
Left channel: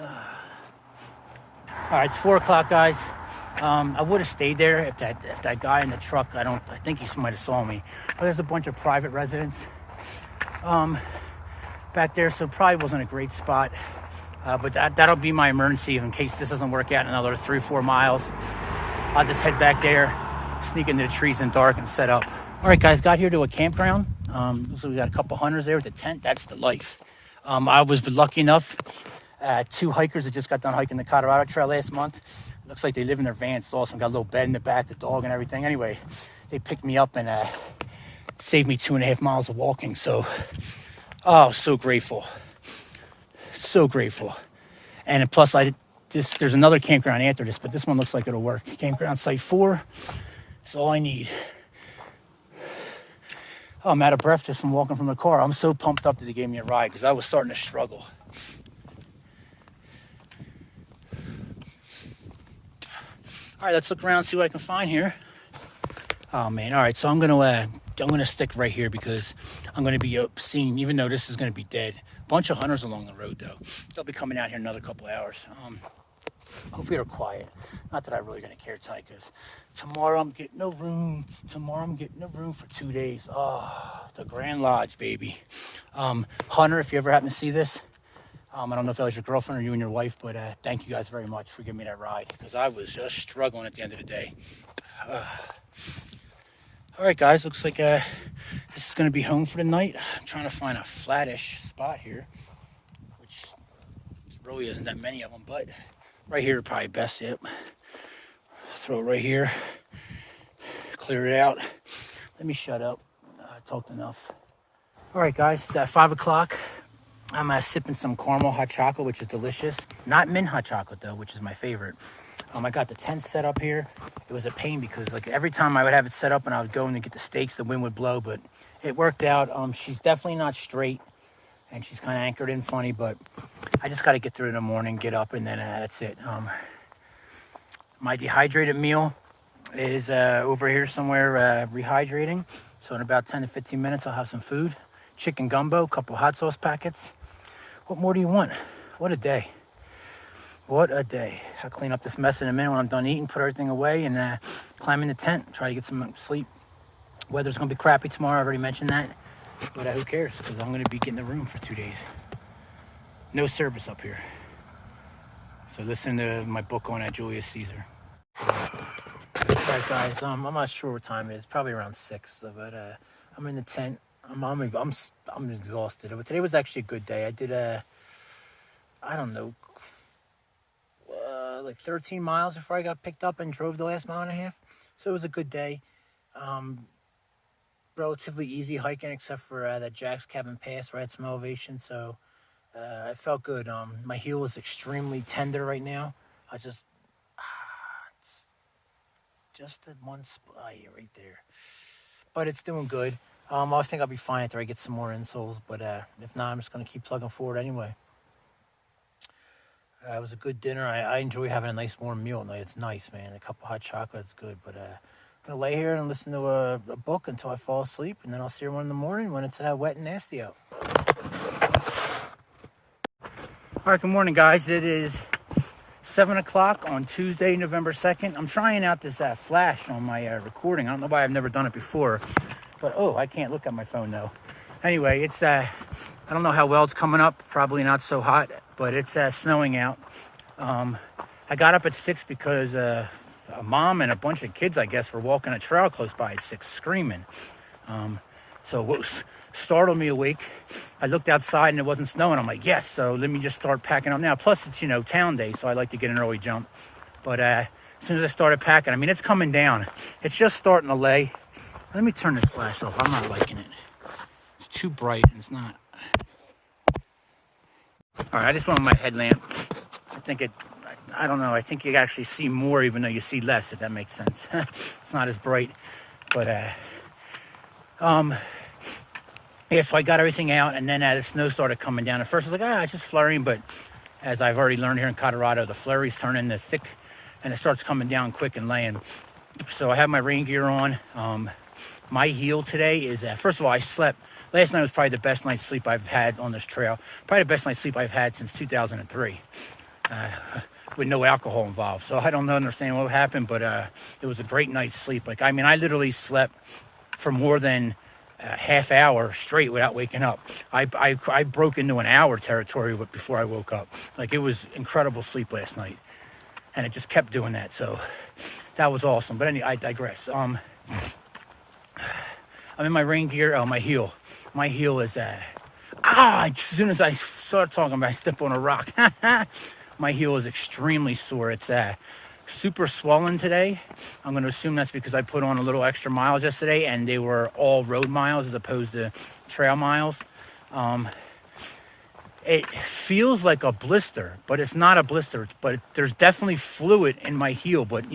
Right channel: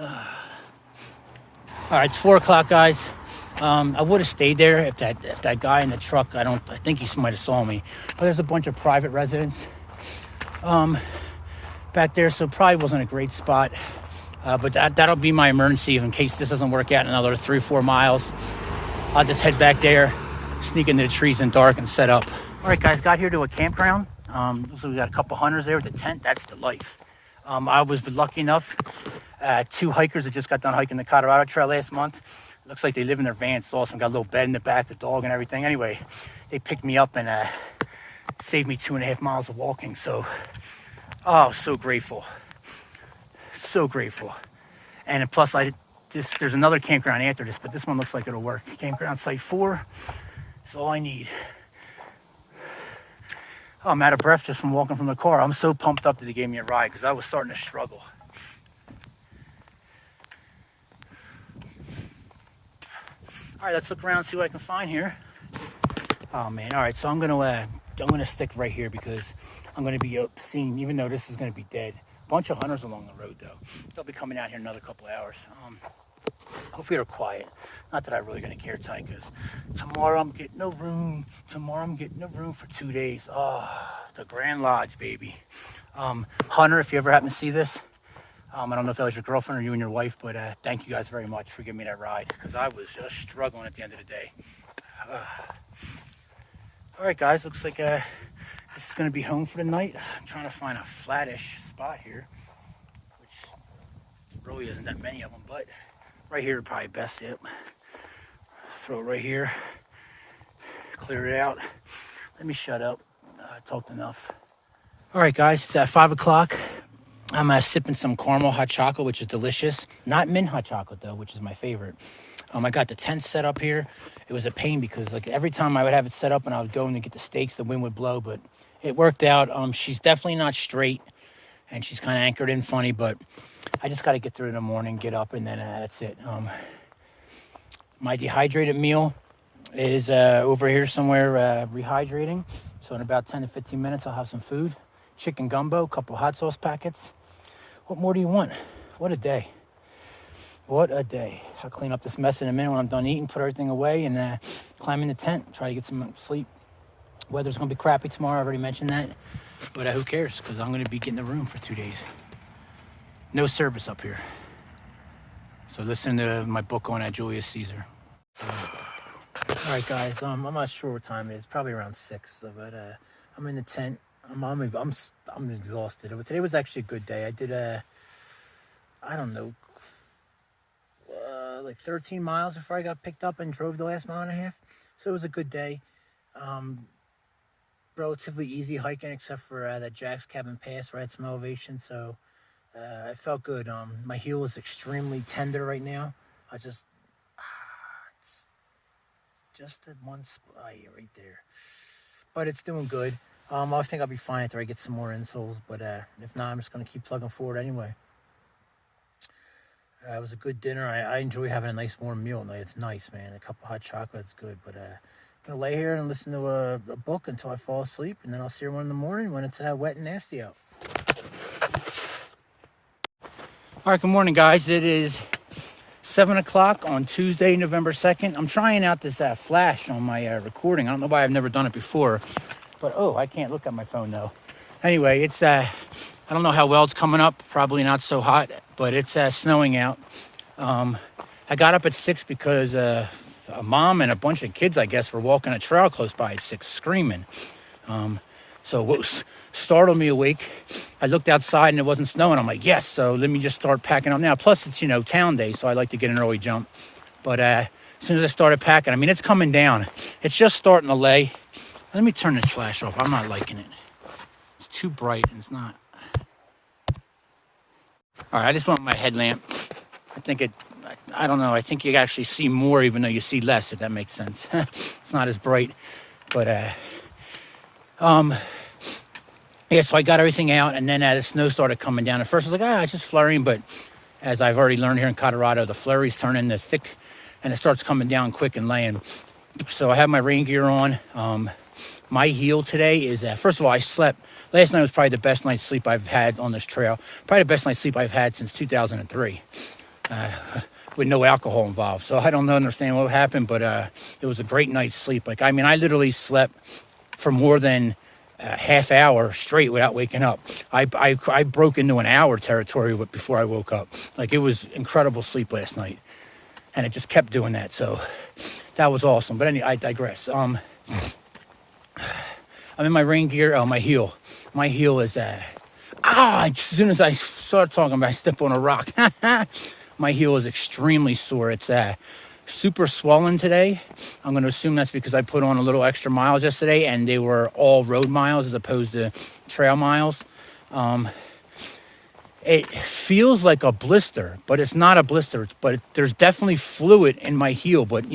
All right, it's 4 o'clock, guys. I would have stayed there if that guy in the truck, I think he might have saw me. But there's a bunch of private residents back there, so it probably wasn't a great spot. But that'll be my emergency in case this doesn't work out in another 3 or 4 miles. I'll just head back there, sneak into the trees in dark and set up. All right, guys, got here to a campground. So we got a couple hunters there with a tent. That's the life. I was lucky enough. 2 hikers that just got done hiking the Colorado Trail last month. Looks like they live in their van. It's awesome. Got a little bed in the back, the dog and everything. Anyway, they picked me up and saved me 2.5 miles of walking. So, so grateful. So grateful. And plus, there's another campground after this, but this one looks like it'll work. Campground Site 4 is all I need. Oh, I'm out of breath just from walking from the car. I'm so pumped up that they gave me a ride because I was starting to struggle. All right, let's look around and see what I can find here. Oh, man. All right, so I'm going to gonna stick right here because I'm gonna be seeing, even though this is gonna be dead. Bunch of hunters along the road though. They'll be coming out here in another couple hours. Hopefully they're quiet. Not that I'm really gonna care tonight, because tomorrow I'm getting a room. Tomorrow I'm getting a room for 2 days. Oh, the Grand Lodge, baby. Hunter, if you ever happen to see this, I don't know if that was your girlfriend or you and your wife, but thank you guys very much for giving me that ride, because I was just struggling at the end of the day. All right, guys, looks like this is going to be home for the night. I'm trying to find a flattish spot here, which really isn't that many of them, but right here probably best. Yep. Throw it right here. Clear it out. Let me shut up. I talked enough. All right, guys, it's at 5 o'clock. I'm sipping some caramel hot chocolate, which is delicious. Not mint hot chocolate, though, which is my favorite. I got the tent set up here. It was a pain because, like, every time I would have it set up and I was going to get the stakes, the wind would blow, but it worked out. She's definitely not straight, and she's kind of anchored in funny, but I just got to get through in the morning, get up, and then that's it. My dehydrated meal is over here somewhere rehydrating. So in about 10 to 15 minutes, I'll have some food. Chicken gumbo, a couple hot sauce packets. What more do you want? What a day. What a day. I'll clean up this mess in a minute when I'm done eating, put everything away, and climb in the tent, try to get some sleep. Weather's going to be crappy tomorrow, I already mentioned that. But who cares, because I'm going to be getting a room for 2 days. No service up here. So listen to my book on Julius Caesar. All right, guys, I'm not sure what time it is. Probably around 6, but I'm in the tent. I'm exhausted. But today was actually a good day. I did I don't know, like 13 miles before I got picked up and drove the last mile and a half. So it was a good day. Relatively easy hiking, except for that Jack's Cabin Pass where I had some elevation. So I felt good. My heel is extremely tender right now. It's just at one spot right there, but it's doing good. I think I'll be fine after I get some more insoles, but if not, I'm just going to keep plugging forward anyway. It was a good dinner. I enjoy having a nice warm meal at night. It's nice, man. A cup of hot chocolate is good, but I'm going to lay here and listen to a book until I fall asleep, and then I'll see everyone in the morning when it's wet and nasty out. All right, good morning, guys. It is 7 o'clock on Tuesday, November 2nd. I'm trying out this flash on my recording. I don't know why I've never done it before. But, I can't look at my phone, though. Anyway, it's, I don't know how well it's coming up. Probably not so hot, but it's snowing out. I got up at 6 because a mom and a bunch of kids, I guess, were walking a trail close by at 6, screaming. So what startled me awake, I looked outside and it wasn't snowing. I'm like, yes, so let me just start packing up now. Plus, it's, town day, so I like to get an early jump. But as soon as I started packing, I mean, it's coming down. It's just starting to lay. Let me turn this flash off. I'm not liking it. It's too bright and it's not. All right, I just want my headlamp. I don't know. I think you actually see more even though you see less, if that makes sense. It's not as bright. But, yeah, so I got everything out, and then the snow started coming down. At first, I was like, it's just flurrying, but as I've already learned here in Colorado, the flurries turn into thick, and it starts coming down quick and laying. So I have my rain gear on. My heel today is, first of all, I slept. Last night was probably the best night's sleep I've had on this trail. Probably the best night's sleep I've had since 2003, with no alcohol involved. So I don't understand what happened, but it was a great night's sleep. I literally slept for more than half hour straight without waking up. I broke into an hour territory before I woke up. It was incredible sleep last night, and it just kept doing that. So that was awesome. But anyway, I digress. I'm in my rain gear. My heel is as soon as I start talking about, I step on a rock. My heel is extremely sore. It's super swollen today. I'm going to assume that's because I put on a little extra miles yesterday, and they were all road miles as opposed to trail miles. It feels like a blister, but it's not a blister. But there's definitely fluid in my heel, but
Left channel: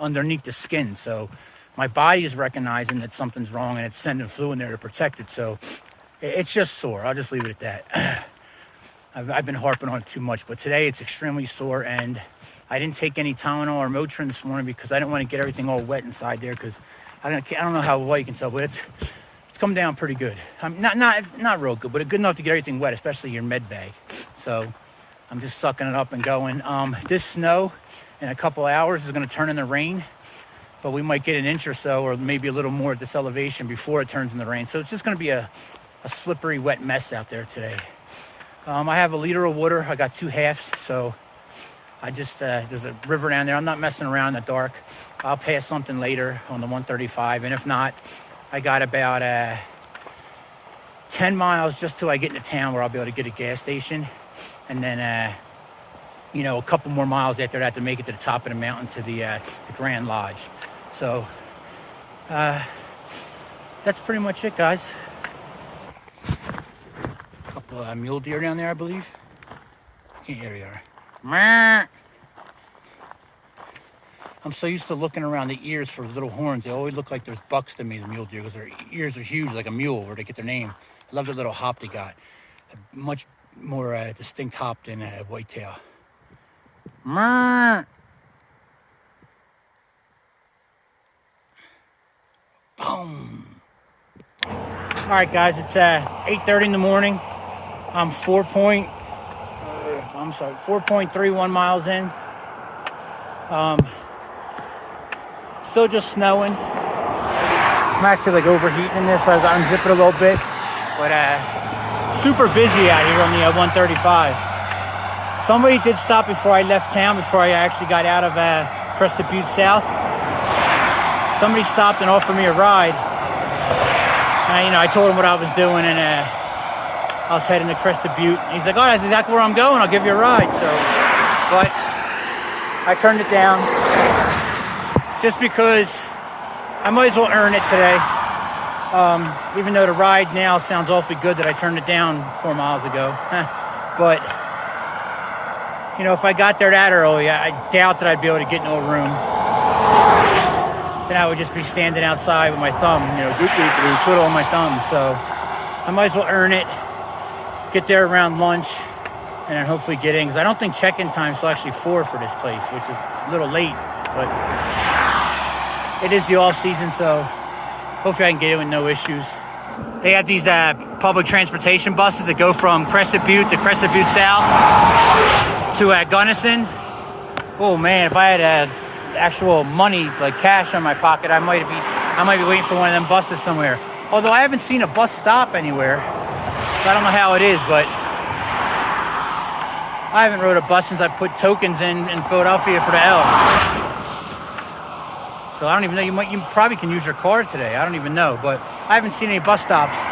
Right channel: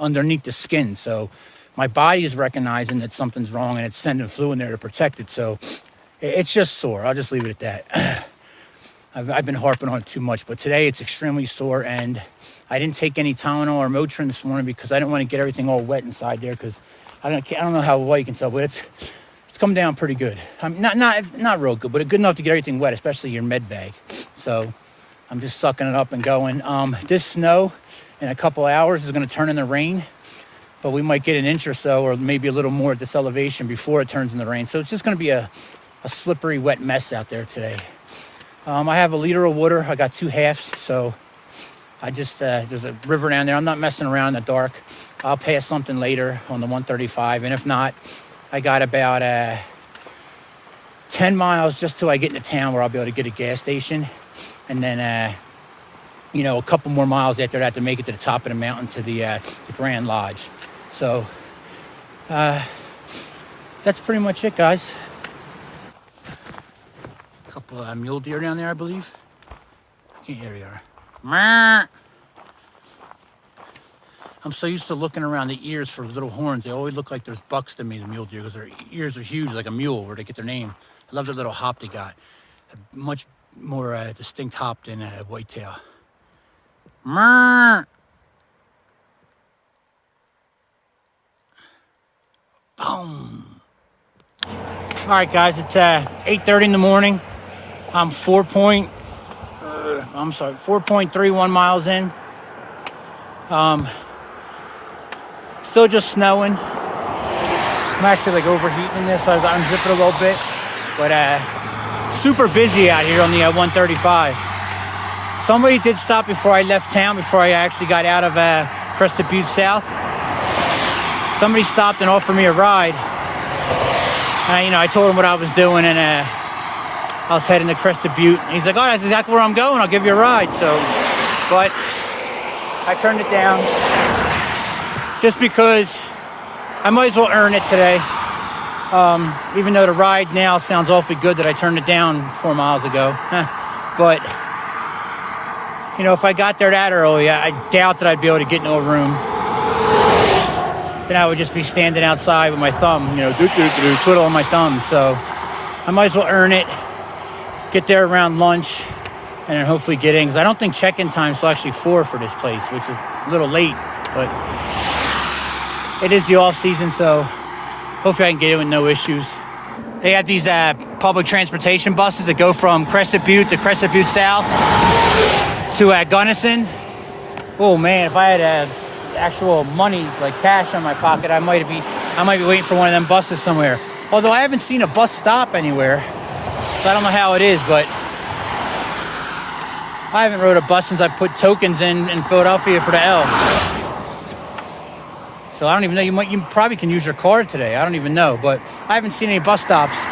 underneath the skin. So my body is recognizing that something's wrong, and it's sending fluid in there to protect it. So it's just sore. I'll just leave it at that. I've been harping on it too much, but today it's extremely sore, and I didn't take any Tylenol or Motrin this morning because I didn't want to get everything all wet inside there, because I don't know how well you can tell, but it's come down pretty good. Not real good, but good enough to get everything wet, especially your med bag. So I'm just sucking it up and going. This snow in a couple hours is going to turn into rain, but we might get an inch or so, or maybe a little more at this elevation before it turns into rain. So it's just going to be a slippery, wet mess out there today. I have a liter of water. I got 2 halves, so I just, there's a river down there. I'm not messing around in the dark. I'll pass something later on the 135, and if not, I got about 10 miles just till I get into town where I'll be able to get a gas station. And then, you know, a couple more miles after that to make it to the top of the mountain to the Grand Lodge. So, that's pretty much it, guys. A couple mule deer down there, I believe. Here we are. I'm so used to looking around the ears for little horns. They always look like there's bucks to me, the mule deer, because their ears are huge, like a mule, where they get their name. I love the little hop they got. A much more distinct hop than a whitetail. Boom. All right, guys, it's 8:30 in the morning. I'm 4.31 miles in. Still just snowing. I'm actually like overheating in this, so I unzip it a little bit. But super busy out here on the 135. Somebody did stop before I left town, before I actually got out of Crested Butte South. Somebody stopped and offered me a ride. I told him what I was doing, and I was heading to Crested Butte. He's like, "Oh, that's exactly where I'm going. I'll give you a ride." So, but I turned it down just because I might as well earn it today. Even though the ride now sounds awfully good that I turned it down 4 miles ago. But, you know, if I got there that early, I doubt that I'd be able to get into a room. Then I would just be standing outside with my thumb, you know, twiddling my thumb. So I might as well earn it, get there around lunch, and then hopefully get in. Because I don't think check-in time is till actually 4 for this place, which is a little late. But it is the off-season, so hopefully I can get in with no issues. They have these public transportation buses that go from Crested Butte to Crested Butte South to Gunnison. Oh man, if I had actual money, like cash on my pocket, I might be waiting for one of them buses somewhere. Although I haven't seen a bus stop anywhere, so I don't know how it is, but I haven't rode a bus since I put tokens in Philadelphia for the L. So I don't even know, you probably can use your card today. I don't even know, but I haven't seen any bus stops.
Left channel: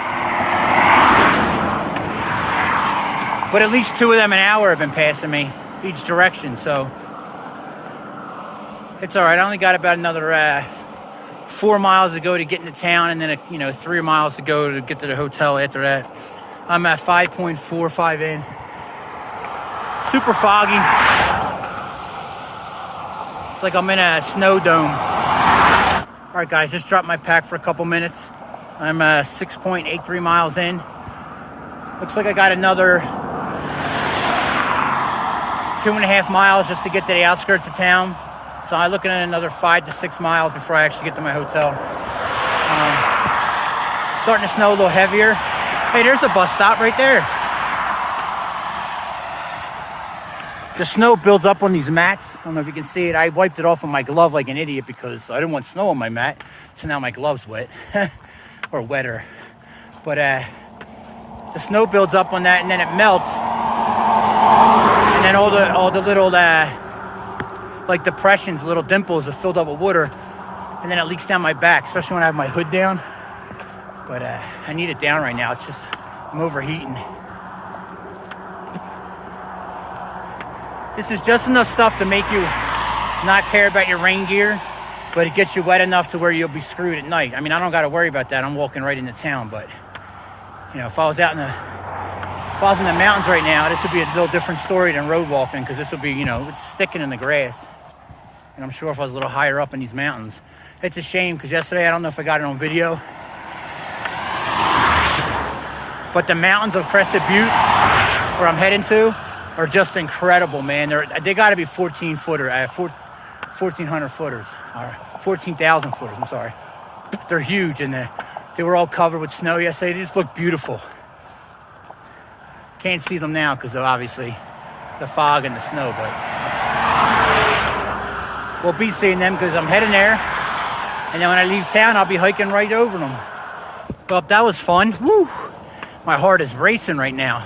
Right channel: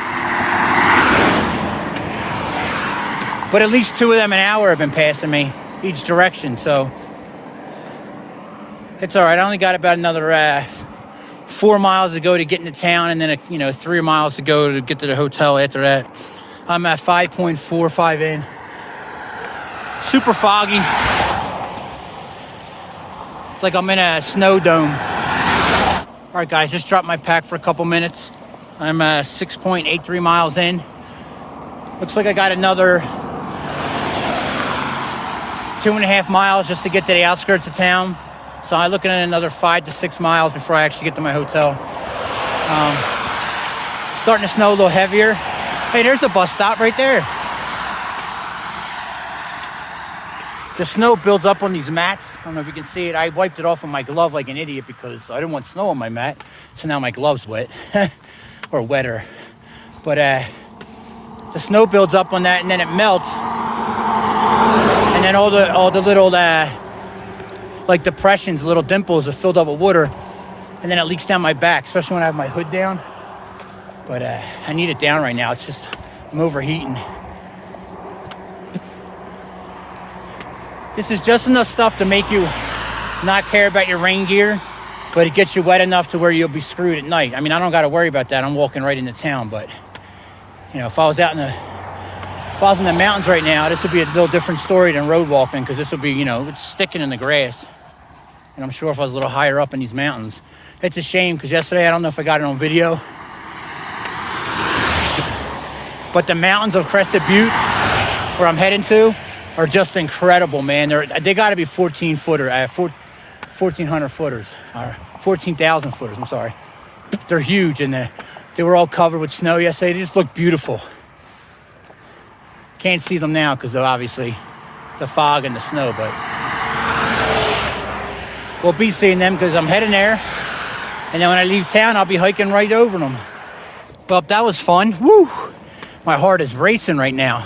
But at least 2 of them an hour have been passing me each direction, so it's all right. I only got about another 4 miles to go to get into town, and then 3 miles to go to get to the hotel after that. I'm at 5.45 in. Super foggy. It's like I'm in a snow dome. All right, guys, just dropped my pack for a couple minutes. I'm 6.83 miles in. Looks like I got another 2.5 miles just to get to the outskirts of town. So I'm looking at another 5 to 6 miles before I actually get to my hotel. Starting to snow a little heavier. Hey, there's a bus stop right there. The snow builds up on these mats. I don't know if you can see it. I wiped it off on my glove like an idiot because I didn't want snow on my mat. So now my glove's wet or wetter. But the snow builds up on that and then it melts. And then all the little like depressions, little dimples are filled up with water. And then it leaks down my back, especially when I have my hood down. But I need it down right now. It's just, I'm overheating. This is just enough stuff to make you not care about your rain gear, but it gets you wet enough to where you'll be screwed at night. I mean, I don't got to worry about that. I'm walking right into town, but you know, if I was in the mountains right now, this would be a little different story than road walking, because this would be, it's sticking in the grass. And I'm sure if I was a little higher up in these mountains, it's a shame because yesterday, I don't know if I got it on video, but the mountains of Crested Butte, where I'm heading to, are just incredible, man. They got to be 1,400 footers, or 14,000 footers. I'm sorry, they're huge, and they were all covered with snow yesterday. They just look beautiful. Can't see them now because of obviously the fog and the snow, but we'll be seeing them because I'm heading there, and then when I leave town I'll be hiking right over them. Well, that was fun. Woo! My heart is racing right now.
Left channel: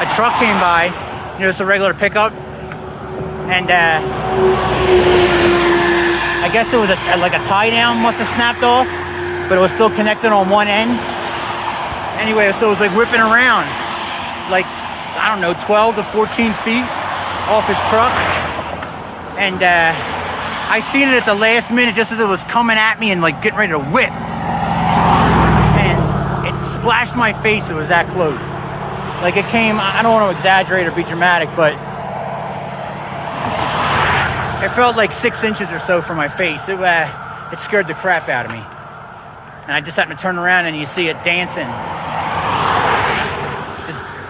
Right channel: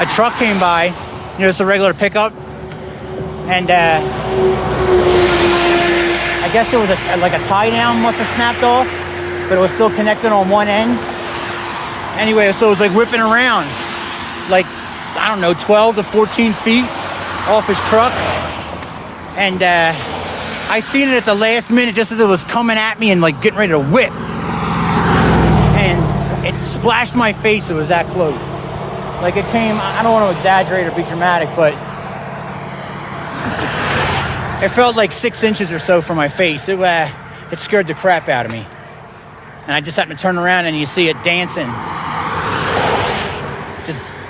A truck came by, it's a regular pickup, and I guess it was like a tie down must have snapped off, but it was still connected on one end. Anyway, so it was like whipping around, like, I don't know, 12 to 14 feet off his truck. And I seen it at the last minute just as it was coming at me and like getting ready to whip. And it splashed my face, it was that close. Like it came, I don't want to exaggerate or be dramatic, but it felt like 6 inches or so from my face. It scared the crap out of me. And I just happened to turn around and you see it dancing.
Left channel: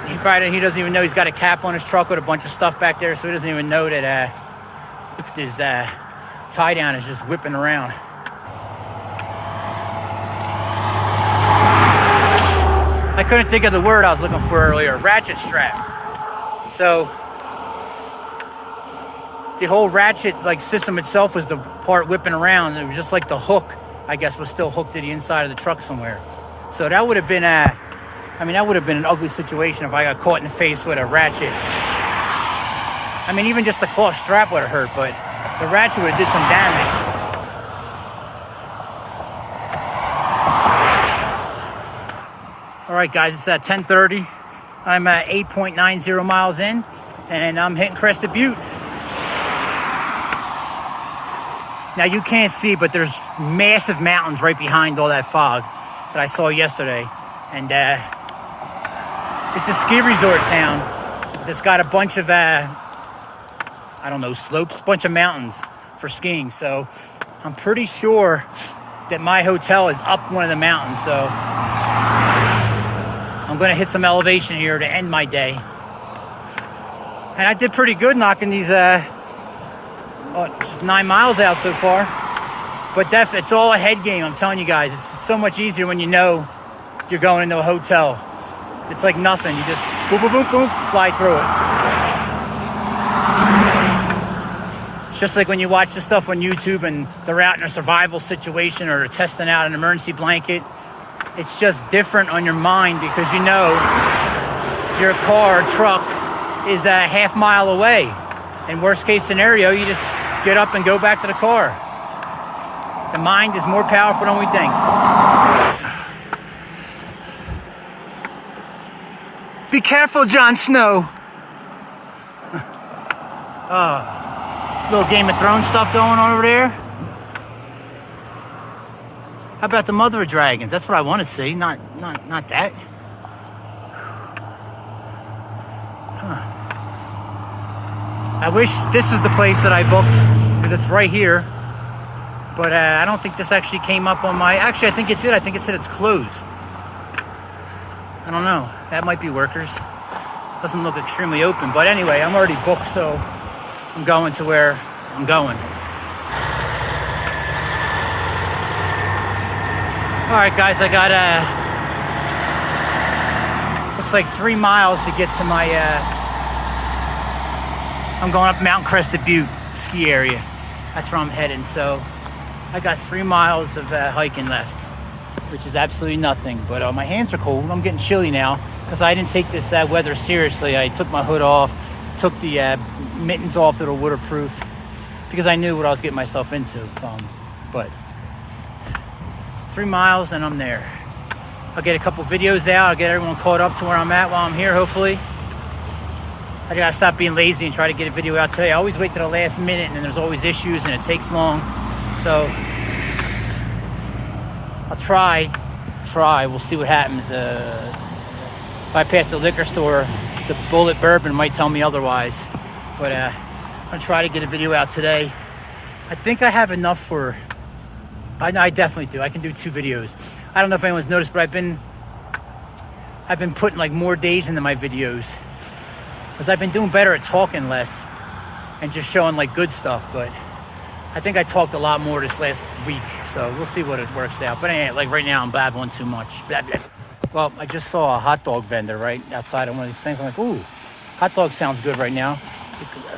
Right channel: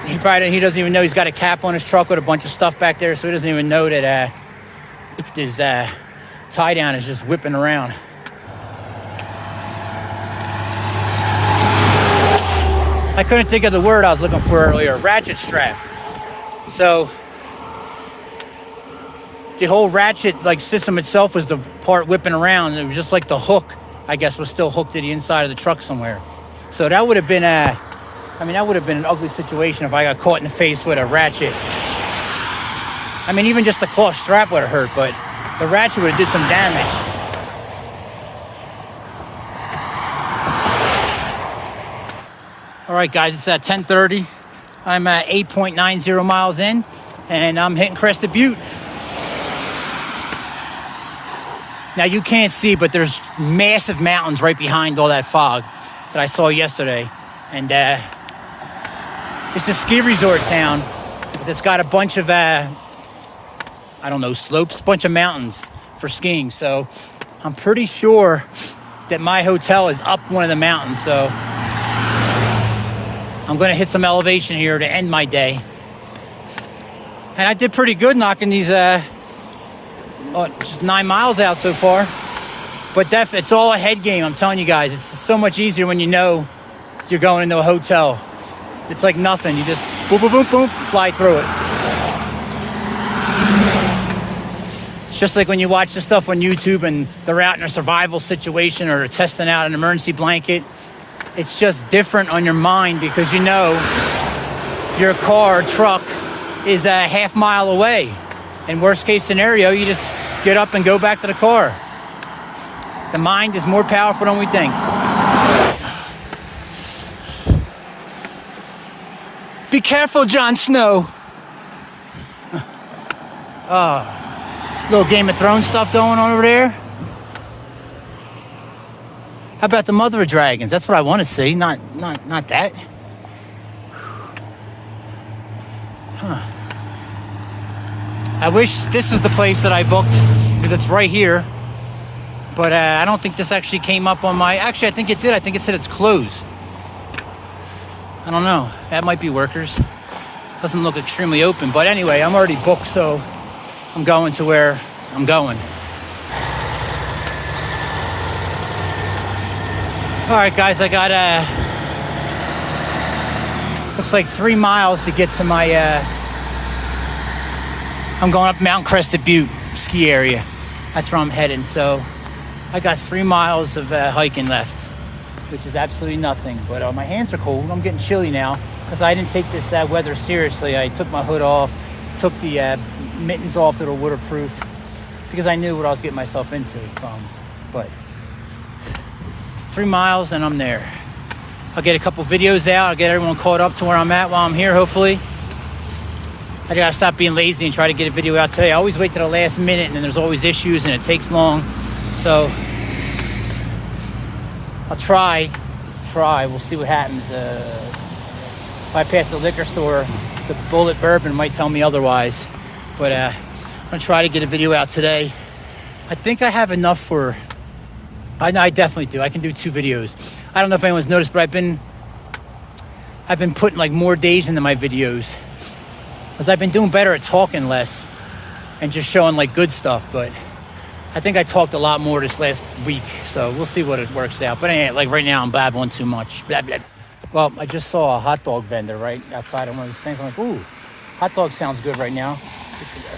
He doesn't even know he's got a cap on his truck with a bunch of stuff back there, so he doesn't even know that his tie down is just whipping around. I couldn't think of the word I was looking for earlier. Ratchet strap. So the whole ratchet like system itself was the part whipping around. It was just like the hook, I guess, was still hooked to the inside of the truck somewhere. So that would have been that would have been an ugly situation if I got caught in the face with a ratchet. I mean, even just the cloth strap would have hurt, but the ratchet would have did some damage. All right, guys, it's at 10:30. I'm 8.90 miles in, and I'm hitting Crested Butte. Now, you can't see, but there's massive mountains right behind all that fog that I saw yesterday. And it's a ski resort town that's got a bunch of, slopes, bunch of mountains for skiing. So I'm pretty sure that my hotel is up one of the mountains. So I'm going to hit some elevation here to end my day. And I did pretty good knocking these just 9 miles out so far. But it's all a head game, I'm telling you guys. It's so much easier when you know you're going into a hotel. It's like nothing. You just boom, boom, boom, boom, fly through it. It's just like when you watch the stuff on YouTube and they're out in a survival situation or they're testing out an emergency blanket. It's just different on your mind because you know your car or truck is a half mile away. In worst case scenario, you just get up and go back to the car. The mind is more powerful than we think. Be careful, Jon Snow. Oh, little Game of Thrones stuff going on over there. How about the Mother of Dragons? That's what I want to see, not that. Huh. I wish this is the place that I booked because it's right here. But I don't think this actually came up on my... Actually, I think it did. I think it said it's closed. I don't know. That might be workers. Doesn't look extremely open. But anyway, I'm already booked, so I'm going to where I'm going. All right, guys. I got looks like 3 miles to get to my... I'm going up Mount Crested Butte ski area. That's where I'm heading. So I got 3 miles of hiking left, which is absolutely nothing. But my hands are cold. I'm getting chilly now because I didn't take this weather seriously. I took my hood off, took the mittens off that are waterproof because I knew what I was getting myself into. But 3 miles and I'm there. I'll get a couple videos out. I'll get everyone caught up to where I'm at while I'm here, hopefully. I gotta stop being lazy and try to get a video out today. I always wait to the last minute and then there's always issues and it takes long. So I'll try. We'll see what happens. If I pass the liquor store, the Bullet Bourbon might tell me otherwise. But I'm gonna try to get a video out today. I think I have enough for... I definitely do. I can do 2 videos. I don't know if anyone's noticed, but I've been putting like more days into my videos because I've been doing better at talking less and just showing like good stuff. But I think I talked a lot more this last week, so we'll see what it works out. But anyway, like right now, I'm babbling too much. Blah, blah. Well, I just saw a hot dog vendor right outside of one of these things. I'm like, ooh, hot dog sounds good right now.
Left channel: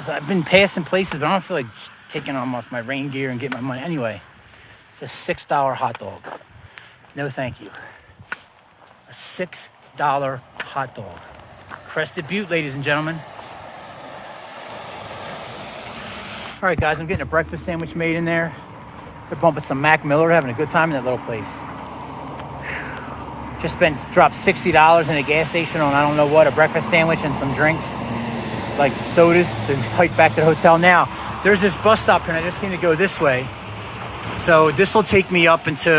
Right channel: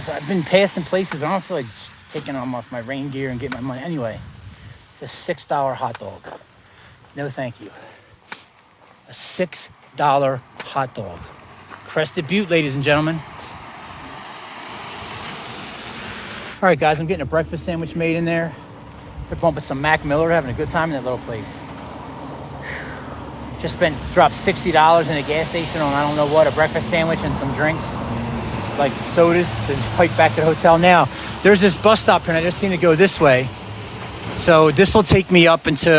I've been passing places, but I don't feel like taking them off my rain gear and getting my money. Anyway, it's a $6 hot dog. No, thank you. A $6 hot dog. Crested Butte, ladies and gentlemen. All right, guys, I'm getting a breakfast sandwich made in there. They're bumping some Mac Miller, having a good time in that little place. Just dropped $60 in a gas station on I don't know what, a breakfast sandwich and some drinks, like sodas, to hike back to the hotel. Now, there's this bus stop here, and I just seem to go this way. So this will take me up into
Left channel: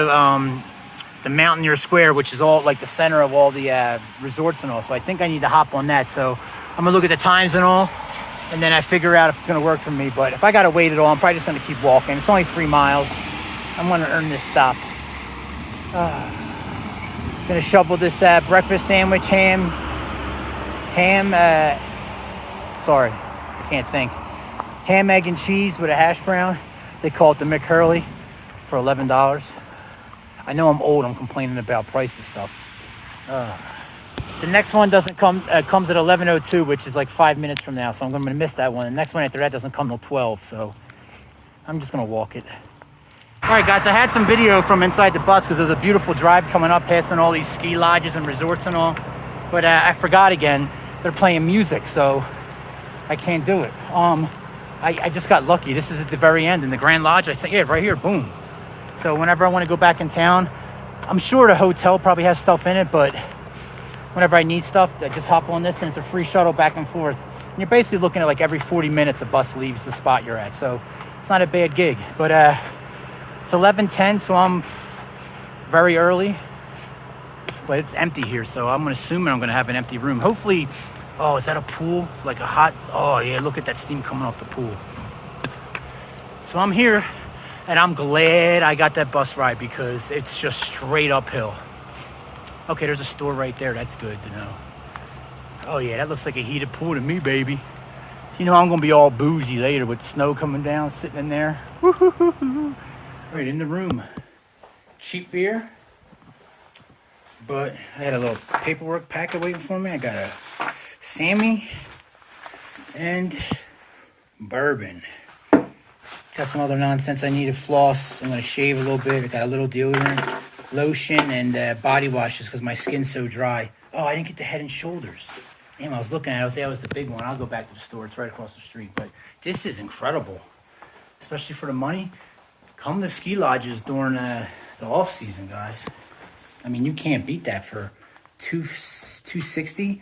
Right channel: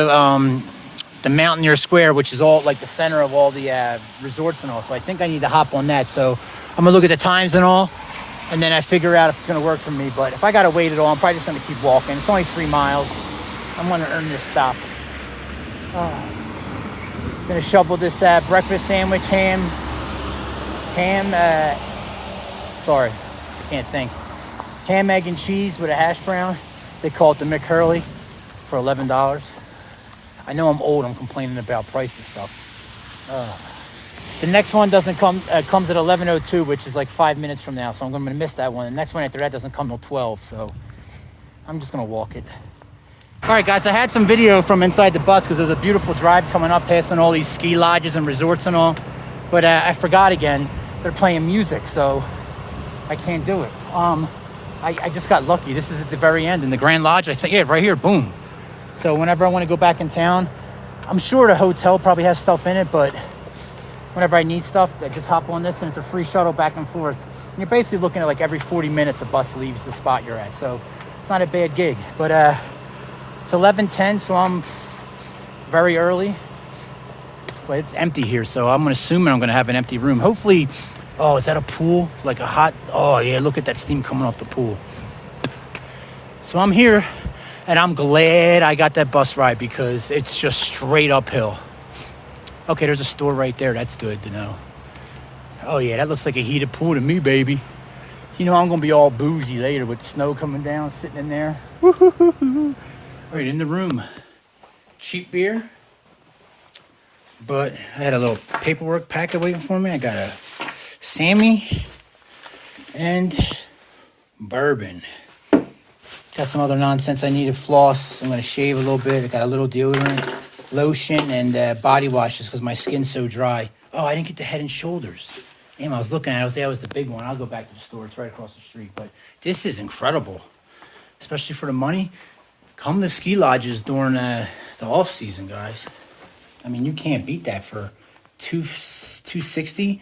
the Mountaineer Square, which is all like the center of all the resorts and all. So I think I need to hop on that. So I'm gonna look at the times and all, and then I figure out if it's gonna work for me. But if I gotta wait at all, I'm probably just gonna keep walking. It's only 3 miles. I'm gonna earn this stop. Gonna shovel this breakfast sandwich, sorry, I can't think. Ham, egg, and cheese with a hash brown. They call it the McHurley for $11. I know I'm old, I'm complaining about prices stuff. The next one doesn't come, comes at 11:02, which is like 5 minutes from now, so I'm gonna miss that one. The next one after that doesn't come till 12, so I'm just gonna walk it. All right, guys, I had some video from inside the bus because there's a beautiful drive coming up, passing all these ski lodges and resorts and all. But I forgot again, they're playing music, so I can't do it. I just got lucky. This is at the very end in the Grand Lodge. I think, yeah, right here, boom. So whenever I want to go back in town, I'm sure the hotel probably has stuff in it, but whenever I need stuff, I just hop on this and it's a free shuttle back and forth. And you're basically looking at like every 40 minutes a bus leaves the spot you're at. So it's not a bad gig, but it's 11:10, so I'm very early, but it's empty here. So I'm assuming I'm going to have an empty room. Hopefully, oh, is that a pool? Like a hot, oh yeah, look at that steam coming off the pool. So I'm here and I'm glad I got that bus ride because it's just straight uphill. Okay, there's a store right there. That's good to know. Oh yeah, that looks like a heated pool to me, baby. You know I'm going to be all bougie later with the snow coming down, sitting in there. All right, in the room, cheap beer, but I had a little paperwork packet waiting for me. I got a Sammy and bourbon. Got some other nonsense I needed, floss. I'm gonna shave a little bit. I got a little deodorant, lotion, and body washes because my skin's so dry. Oh, I didn't get the Head and Shoulders. Damn, I was looking at it. That was the big one. I'll go back to the store. It's right across the street. But this is incredible, especially for the money. Come to ski lodges during the off season, guys. I mean, you can't beat that for $260.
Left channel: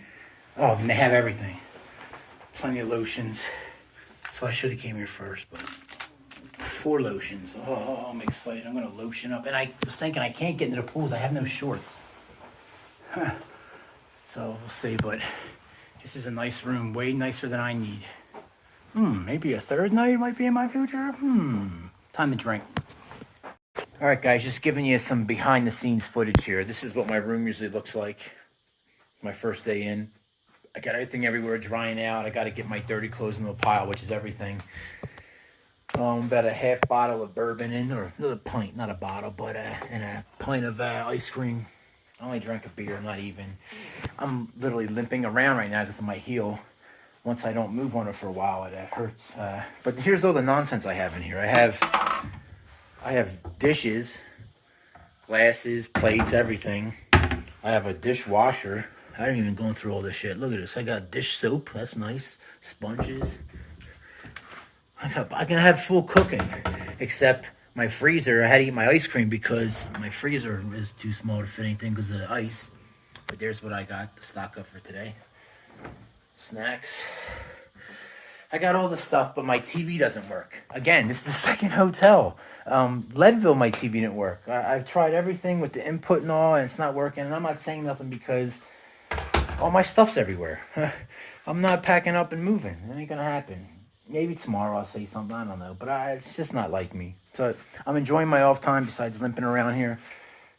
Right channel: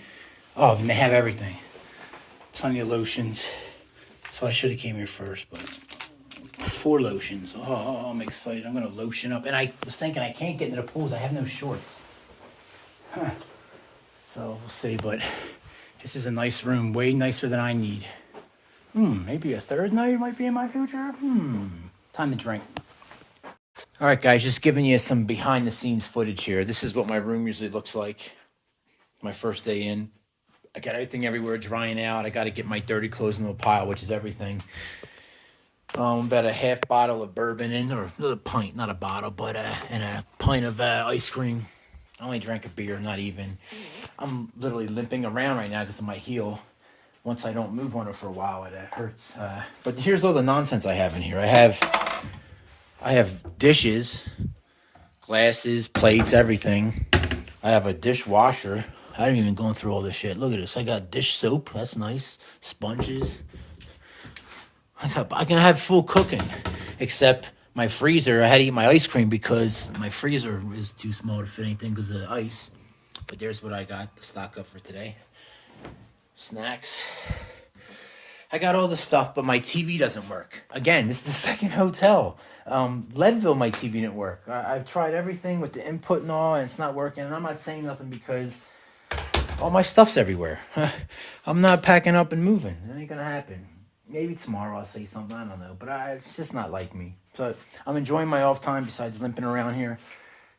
Oh, and they have everything. Plenty of lotions. So I should have came here first, but 4 lotions. Oh, I'm excited. I'm gonna lotion up. And I was thinking I can't get into the pools. I have no shorts. Huh. So we'll see. But this is a nice room, way nicer than I need. Maybe a third night might be in my future. Time to drink. All right, guys, just giving you some behind the scenes footage here. This is what my room usually looks like. My first day in. I got everything everywhere drying out. I got to get my dirty clothes into a pile, which is everything. About a half bottle of bourbon in, or a pint, not a bottle, but and a pint of ice cream. I only drank a beer, not even. I'm literally limping around right now because of my heel. Once I don't move on it for a while, it hurts. But here's all the nonsense I have in here. I have dishes, glasses, plates, everything. I have a dishwasher. I haven't even gone through all this shit. Look at this. I got dish soap. That's nice. Sponges. I can have full cooking, except my freezer. I had to eat my ice cream because my freezer is too small to fit anything because of the ice. But there's what I got to stock up for today. Snacks. I got all the stuff, but my TV doesn't work. Again, this is the second hotel. Leadville, my TV didn't work. I've tried everything with the input and all, and it's not working. And I'm not saying nothing because all my stuff's everywhere. I'm not packing up and moving. It ain't gonna happen. Maybe tomorrow I'll say something. I don't know. But it's just not like me. So I'm enjoying my off time besides limping around here.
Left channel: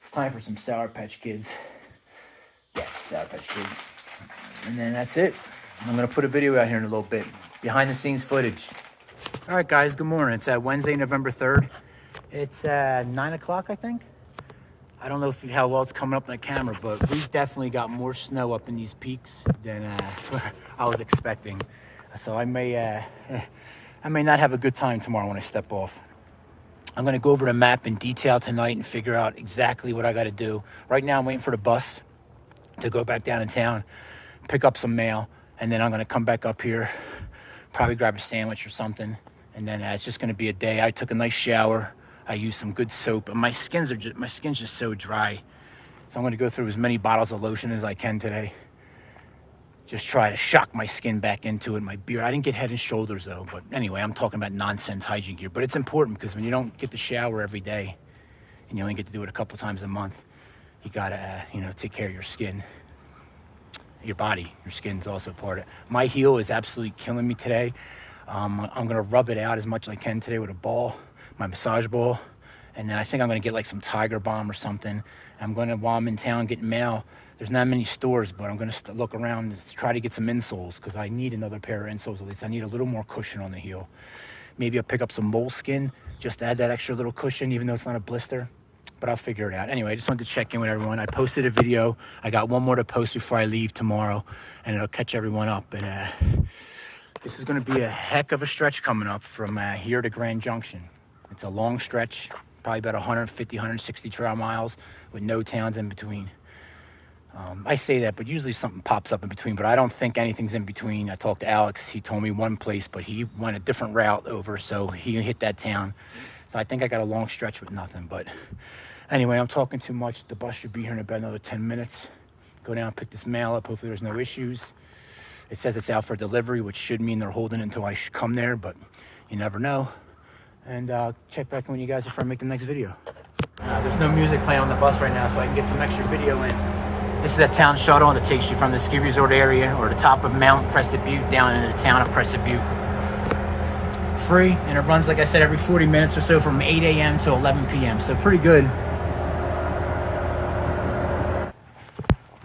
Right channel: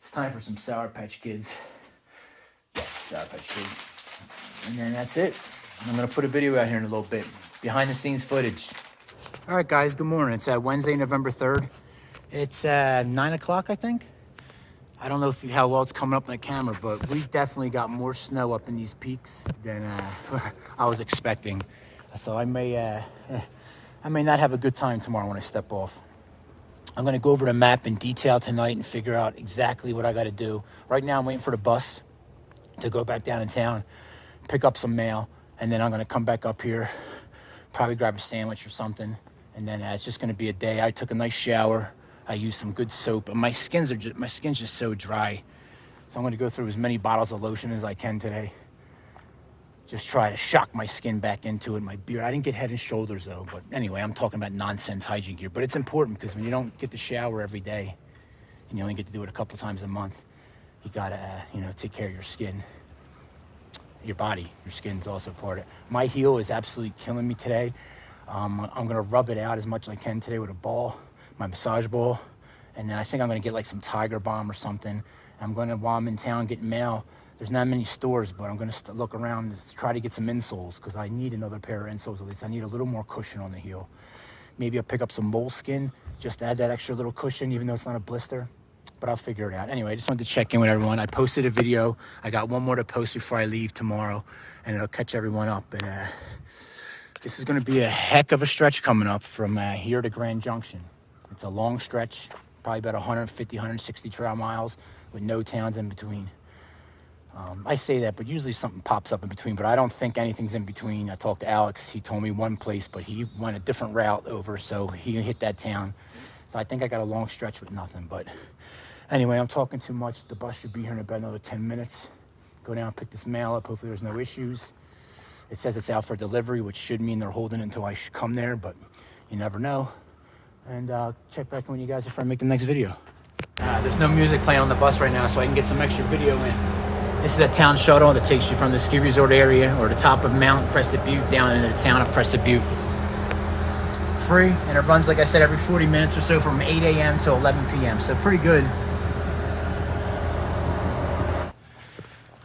It's time for some Sour Patch Kids. Yes, Sour Patch Kids. And then that's it. I'm going to put a video out here in a little bit. Behind the scenes footage. All right, guys, good morning. It's Wednesday, November 3rd. It's 9 o'clock, I think. I don't know how well it's coming up on the camera, but we definitely got more snow up in these peaks than I was expecting. So I may not have a good time tomorrow when I step off. I'm gonna go over the map in detail tonight and figure out exactly what I gotta do. Right now I'm waiting for the bus to go back down in town, pick up some mail, and then I'm gonna come back up here, probably grab a sandwich or something. And then it's just gonna be a day. I took a nice shower. I used some good soap, and my skin's just so dry. So I'm gonna go through as many bottles of lotion as I can today. Just try to shock my skin back into it, my beard. I didn't get Head and Shoulders though, but anyway, I'm talking about nonsense hygiene gear. But it's important because when you don't get to shower every day, and you only get to do it a couple times a month, you gotta, take care of your skin. Your body, your skin's also part of it. My heel is absolutely killing me today. I'm gonna rub it out as much as I can today with a ball, my massage ball. And then I think I'm gonna get like some Tiger Balm or something. I'm gonna, while I'm in town getting mail, there's not many stores, but I'm gonna look around and try to get some insoles because I need another pair of insoles at least. I need a little more cushion on the heel. Maybe I'll pick up some moleskin, just to add that extra little cushion, even though it's not a blister. But I'll figure it out. Anyway, I just wanted to check in with everyone. I posted a video. I got one more to post before I leave tomorrow, and it'll catch everyone up. And this is going to be a heck of a stretch coming up from here to Grand Junction. It's a long stretch, probably about 150, 160 trail miles with no towns in between. I say that, but usually something pops up in between, but I don't think anything's in between. I talked to Alex. He told me one place, but he went a different route over, so he hit that town. So I think I got a long stretch with nothing, but anyway, I'm talking too much. The bus should be here in about another 10 minutes. Go down, pick this mail up. Hopefully there's no issues. It says it's out for delivery, which should mean they're holding it until I come there, but you never know. And check back in with you guys before I make the next video. There's no music playing on the bus right now, so I can get some extra video in. This is that town shuttle that takes you from the ski resort area or the top of Mount Crested Butte down into the town of Crested Butte. Free, and it runs, like I said, every 40 minutes or so from 8 a.m. to 11 p.m., so pretty good.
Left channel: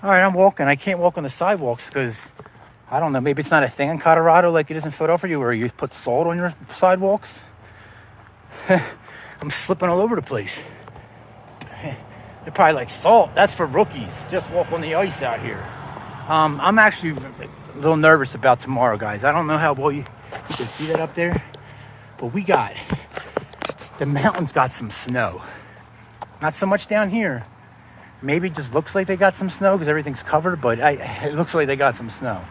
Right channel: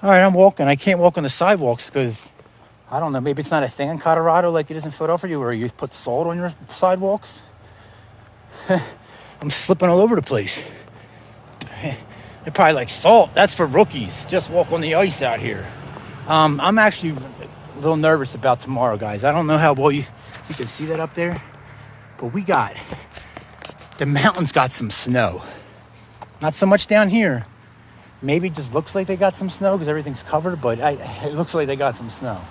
All right, I'm walking. I can't walk on the sidewalks because, I don't know, maybe it's not a thing in Colorado like it is in Philadelphia where you put salt on your sidewalks. I'm slipping all over the place. They're probably like, salt, that's for rookies. Just walk on the ice out here. I'm actually a little nervous about tomorrow, guys. I don't know how well you can see that up there, but the mountains got some snow. Not so much down here. Maybe it just looks like they got some snow because everything's covered, but it looks like they got some snow.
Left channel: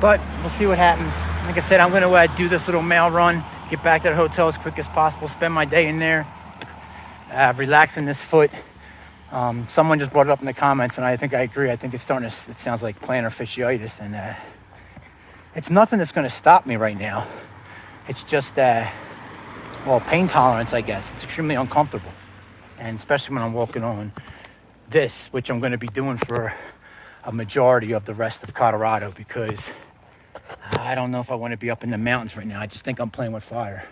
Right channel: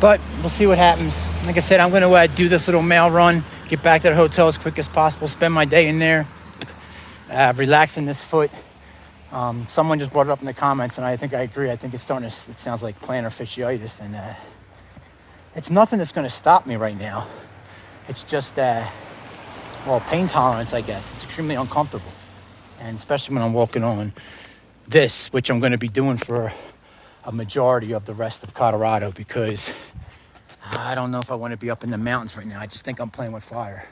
But we'll see what happens. Like I said, I'm going to do this little mail run, get back to the hotel as quick as possible, spend my day in there, relaxing this foot. Someone just brought it up in the comments, and I think I agree. I think it sounds like plantar fasciitis, and it's nothing that's going to stop me right now. It's just pain tolerance, I guess. It's extremely uncomfortable. And especially when I'm walking on this, which I'm going to be doing for a majority of the rest of Colorado, because I don't know if I want to be up in the mountains right now. I just think I'm playing with fire.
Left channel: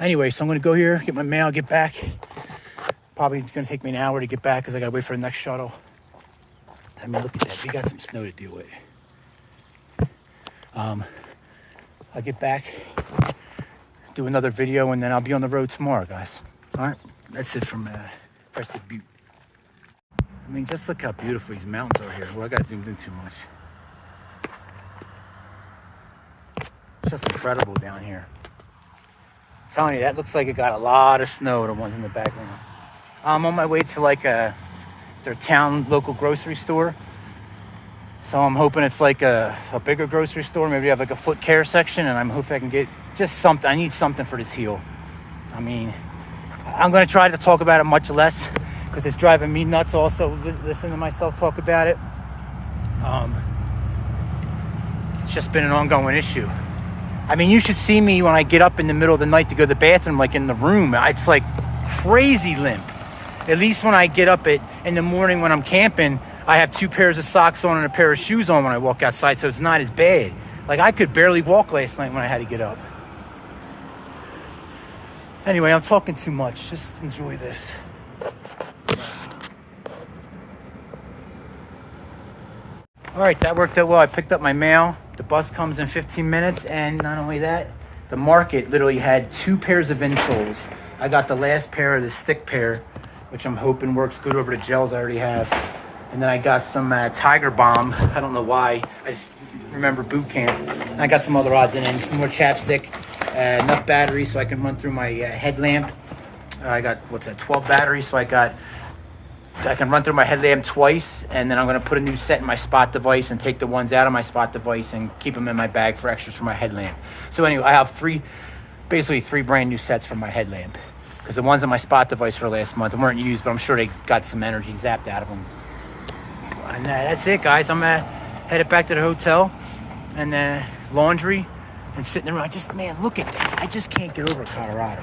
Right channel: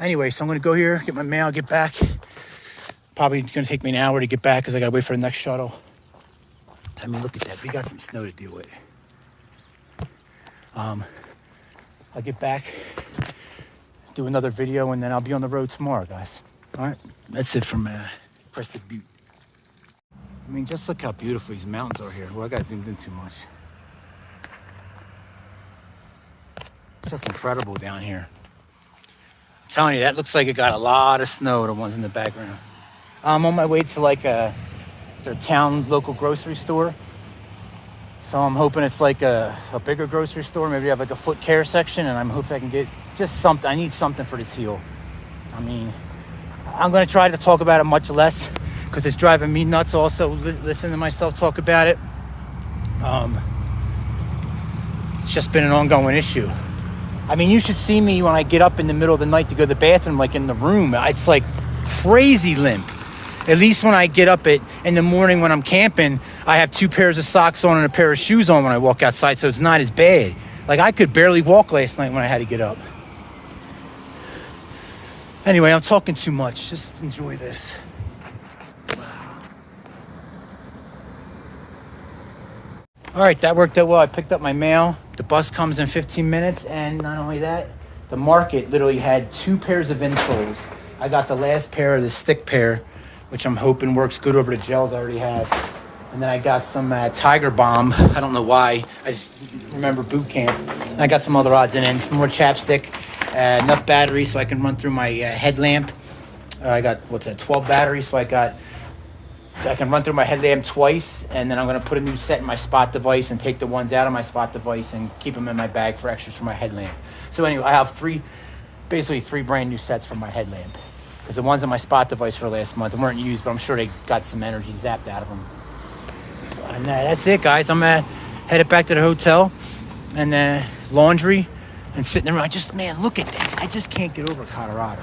Anyway, so I'm going to go here, get my mail, get back. Probably it's going to take me an hour to get back because I got to wait for the next shuttle. I mean, look at that. We got some snow to deal with. I'll get back, do another video, and then I'll be on the road tomorrow, guys. All right, that's it from Crested Butte. I mean, just look how beautiful these mountains are here. Well, I got zoomed in too much. It's just incredible down here. I'm telling you, that looks like it got a lot of snow, the ones in the background. I'm on my way to like their town local grocery store. So I'm hoping it's like a bigger grocery store. Maybe they have like a foot care section, and I'm hoping I can get just something. I need something for this heel. I mean, I'm going to try to talk about it much less because it's driving me nuts also listen to myself talk about it. It's just been an ongoing issue. I mean, you should see me when I get up in the middle of the night to go to the bathroom, like in the room. It's like crazy limp. At least when I get up in the morning when I'm camping, I have 2 pairs of socks on and a pair of shoes on when I walk outside, so it's not as bad. Like, I could barely walk last night when I had to get up. Anyway, I'm talking too much. Just enjoy this. All right, that worked out well. I picked up my mail, The bus comes in 15 minutes, and not only that, the market literally had 2 pairs of insoles. I got the last pair of the stick pair, which I'm hoping works good over the gels I already have. And then I got some Tiger Balm. I don't know why. I just remember boot camp. I got some other odds and ends, some more chapstick, enough batteries so I can run through my headlamp. I got, 12 batteries, so I can run through my headlamp twice, and then I'm going to put a new set in my spot device and take the ones out of my spot device and keep them in my bag for extras for my headlamp. So anyway, I have basically three brand new sets for my headlamp, because the ones on my spot device for last month weren't used, but I'm sure they got some energy zapped out of them. And that's it, guys. I'm headed back to the hotel, and laundry and sitting around. Man, look at that. I just can't get over Colorado.